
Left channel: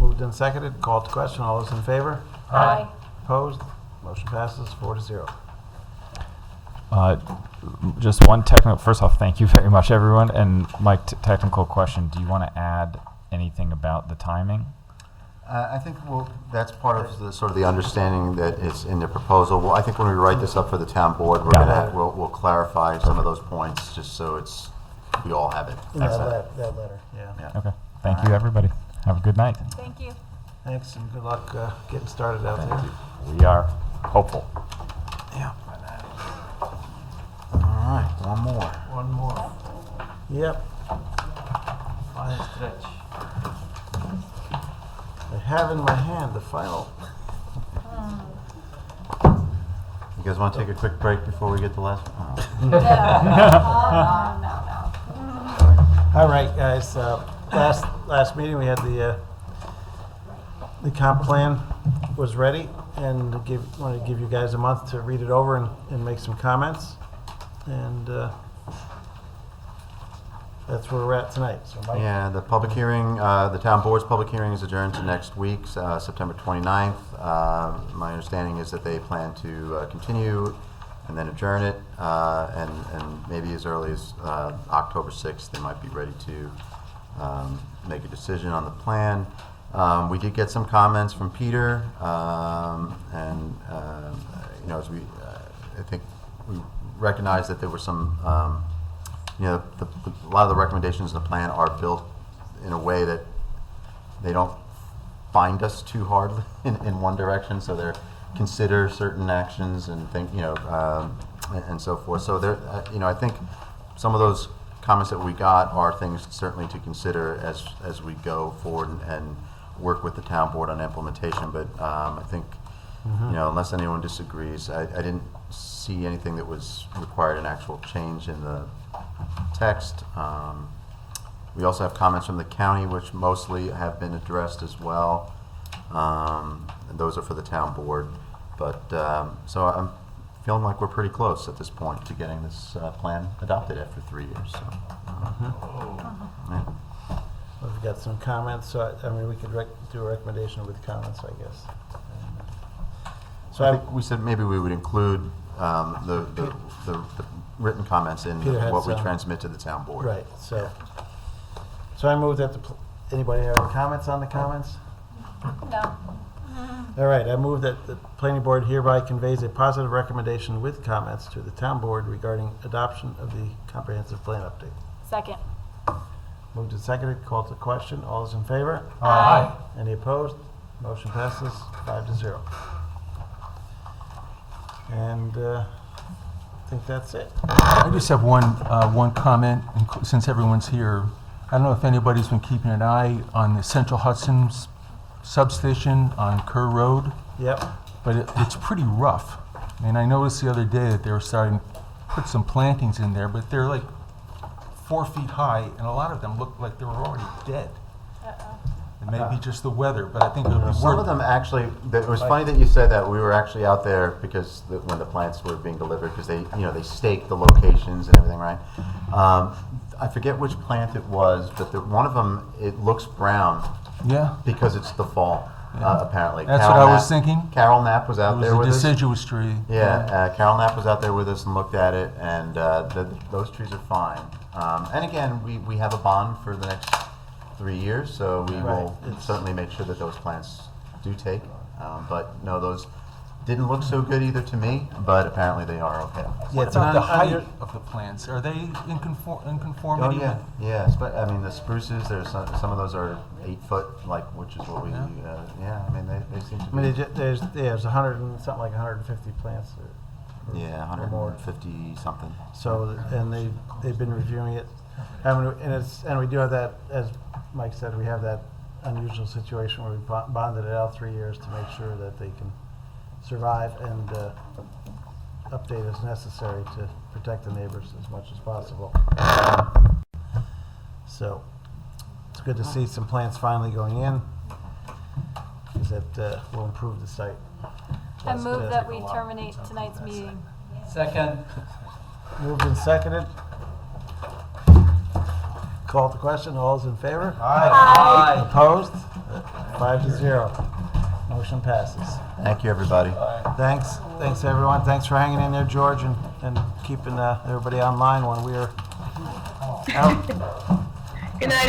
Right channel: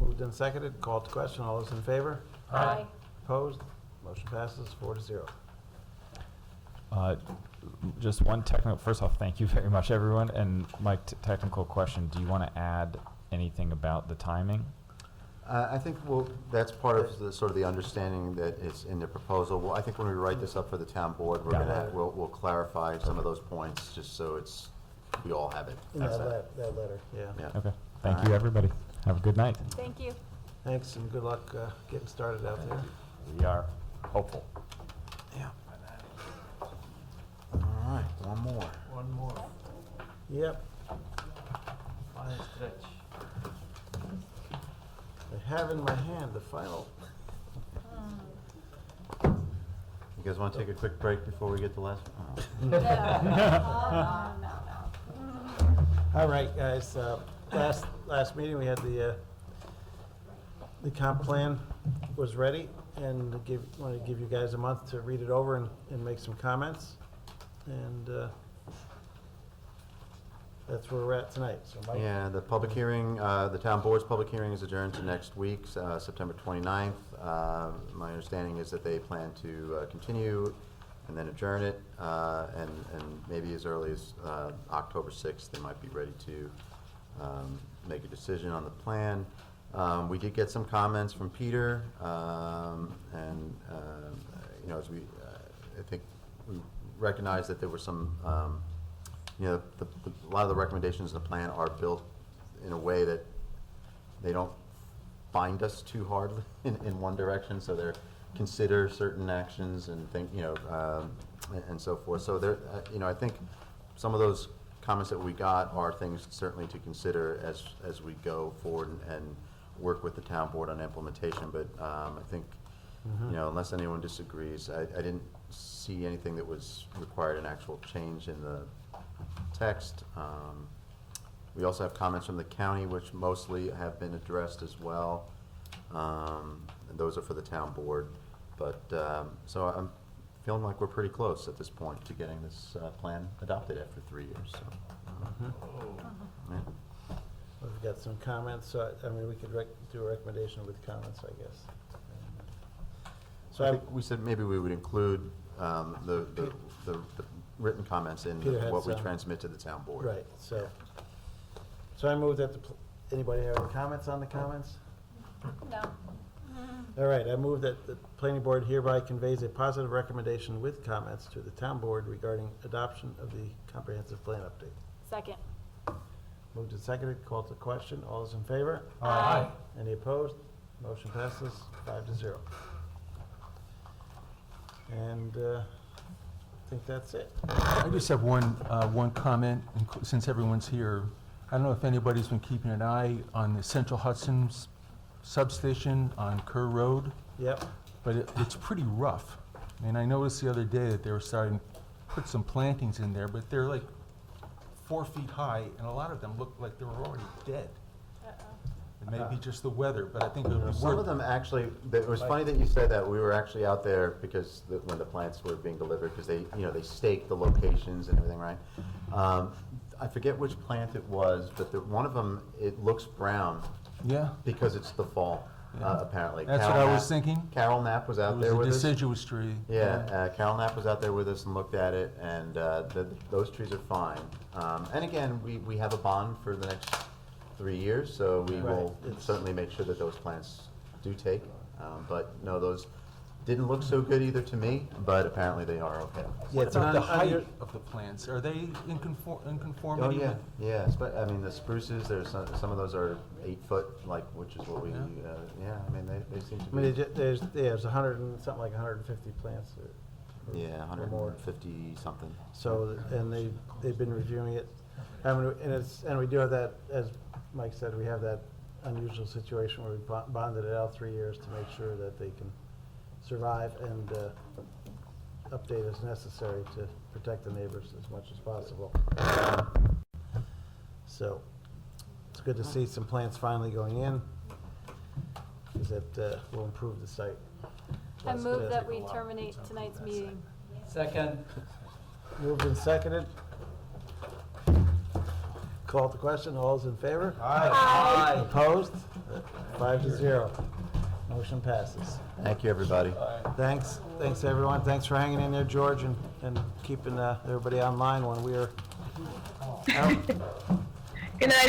Moved and seconded. Call to question. All those in favor? Aye. Opposed? Motion passes 4-0. Just one technical, first off, thank you very much, everyone. And Mike, technical question, do you want to add anything about the timing? I think that's part of the, sort of the understanding that is in the proposal. Well, I think when we write this up for the town board, Got it. we'll clarify some of those points, just so we all have it. That letter, yeah. Yeah. Okay, thank you, everybody. Have a good night. Thank you. Thanks and good luck getting started out there. We are hopeful. Yeah. All right, one more. One more. Yep. final stretch. I have in my hand the final. You guys want to take a quick break before we get the last one? No. All right, guys, last meeting, we had the comp plan was ready, and wanted to give you guys a month to read it over and make some comments. And that's where we're at tonight, so Mike? Yeah, the public hearing, the town board's public hearing is adjourned to next week, September 29th. My understanding is that they plan to continue and then adjourn it, and maybe as early as October 6th, they might be ready to make a decision on the plan. We did get some comments from Peter, and you know, as we, I think we recognize that there were some, you know, a lot of the recommendations in the plan are built in a way that they don't bind us too hard in one direction, so they're consider certain actions and think, you know, and so forth. So there, you know, I think some of those comments that we got are things certainly to consider as we go forward and work with the town board on implementation. But I think, you know, unless anyone disagrees, I didn't see anything that was required an actual change in the text. We also have comments from the county, which mostly have been addressed as well. And those are for the town board. But, so I'm feeling like we're pretty close at this point to getting this plan adopted after 3 years. So, yeah. We've got some comments, so I mean, we could do a recommendation with comments, I guess. So I think we said maybe we would include the written comments in Peter had what we some. transmit to the town board. Right, so I move that anybody have any comments on the comments? No. All right, I move that the planning board hereby conveys a positive recommendation with comments to the town board regarding adoption of the comprehensive plan update. Second. Moved and seconded, called to question. All those in favor? Aye. Any opposed? Motion passes 5-0. And I think that's it. I just have one comment, since everyone's here. I don't know if anybody's been keeping an eye on the Central Hudson's substation on Kerr Road, Yep. but it's pretty rough. And I noticed the other day that they were starting to put some plantings in there, but they're like 4 feet high, and a lot of them look like they were already dead. It may be just the weather, but I think it would be worth. Some of them actually, it was funny that you said that. We were actually out there because when the plants were being delivered, because they, you know, they staked the locations and everything, right? I forget which plant it was, but one of them, it looks brown. Yeah. Because it's the fall, apparently. That's Carol what I was Knapp- thinking. Carol Knapp was out there with It was us. a deciduous tree. Yeah, Carol Knapp was out there with us and looked at it, and those trees are fine. And again, we have a bond for the next 3 years, so we will certainly make sure that those plants do take. But no, those didn't look so good either to me, but apparently they are okay. What about the height of the plants? Are they in conformity? Oh, yeah, yes, but I mean, the spruces, there's some of those are 8 foot, like, which is what we, yeah, I mean, they seem to I be. mean, there's 100 and something like 150 plants. Yeah, or more. 150 something. So, and they've been reviewing it. And we do have that, as Mike said, we have that unusual situation where we bonded it out 3 years to make sure that they can survive and update as necessary to protect the neighbors as much as possible. So it's good to see some plants finally going in, because that will improve the site. I move that we terminate tonight's meeting. Second. Moved and seconded. Call to question. All those in favor? Aye. Opposed? 5-0. Motion passes. Thank you, everybody. Thanks everyone. Thanks for hanging in there, George, and keeping everybody online when we are out. Good night,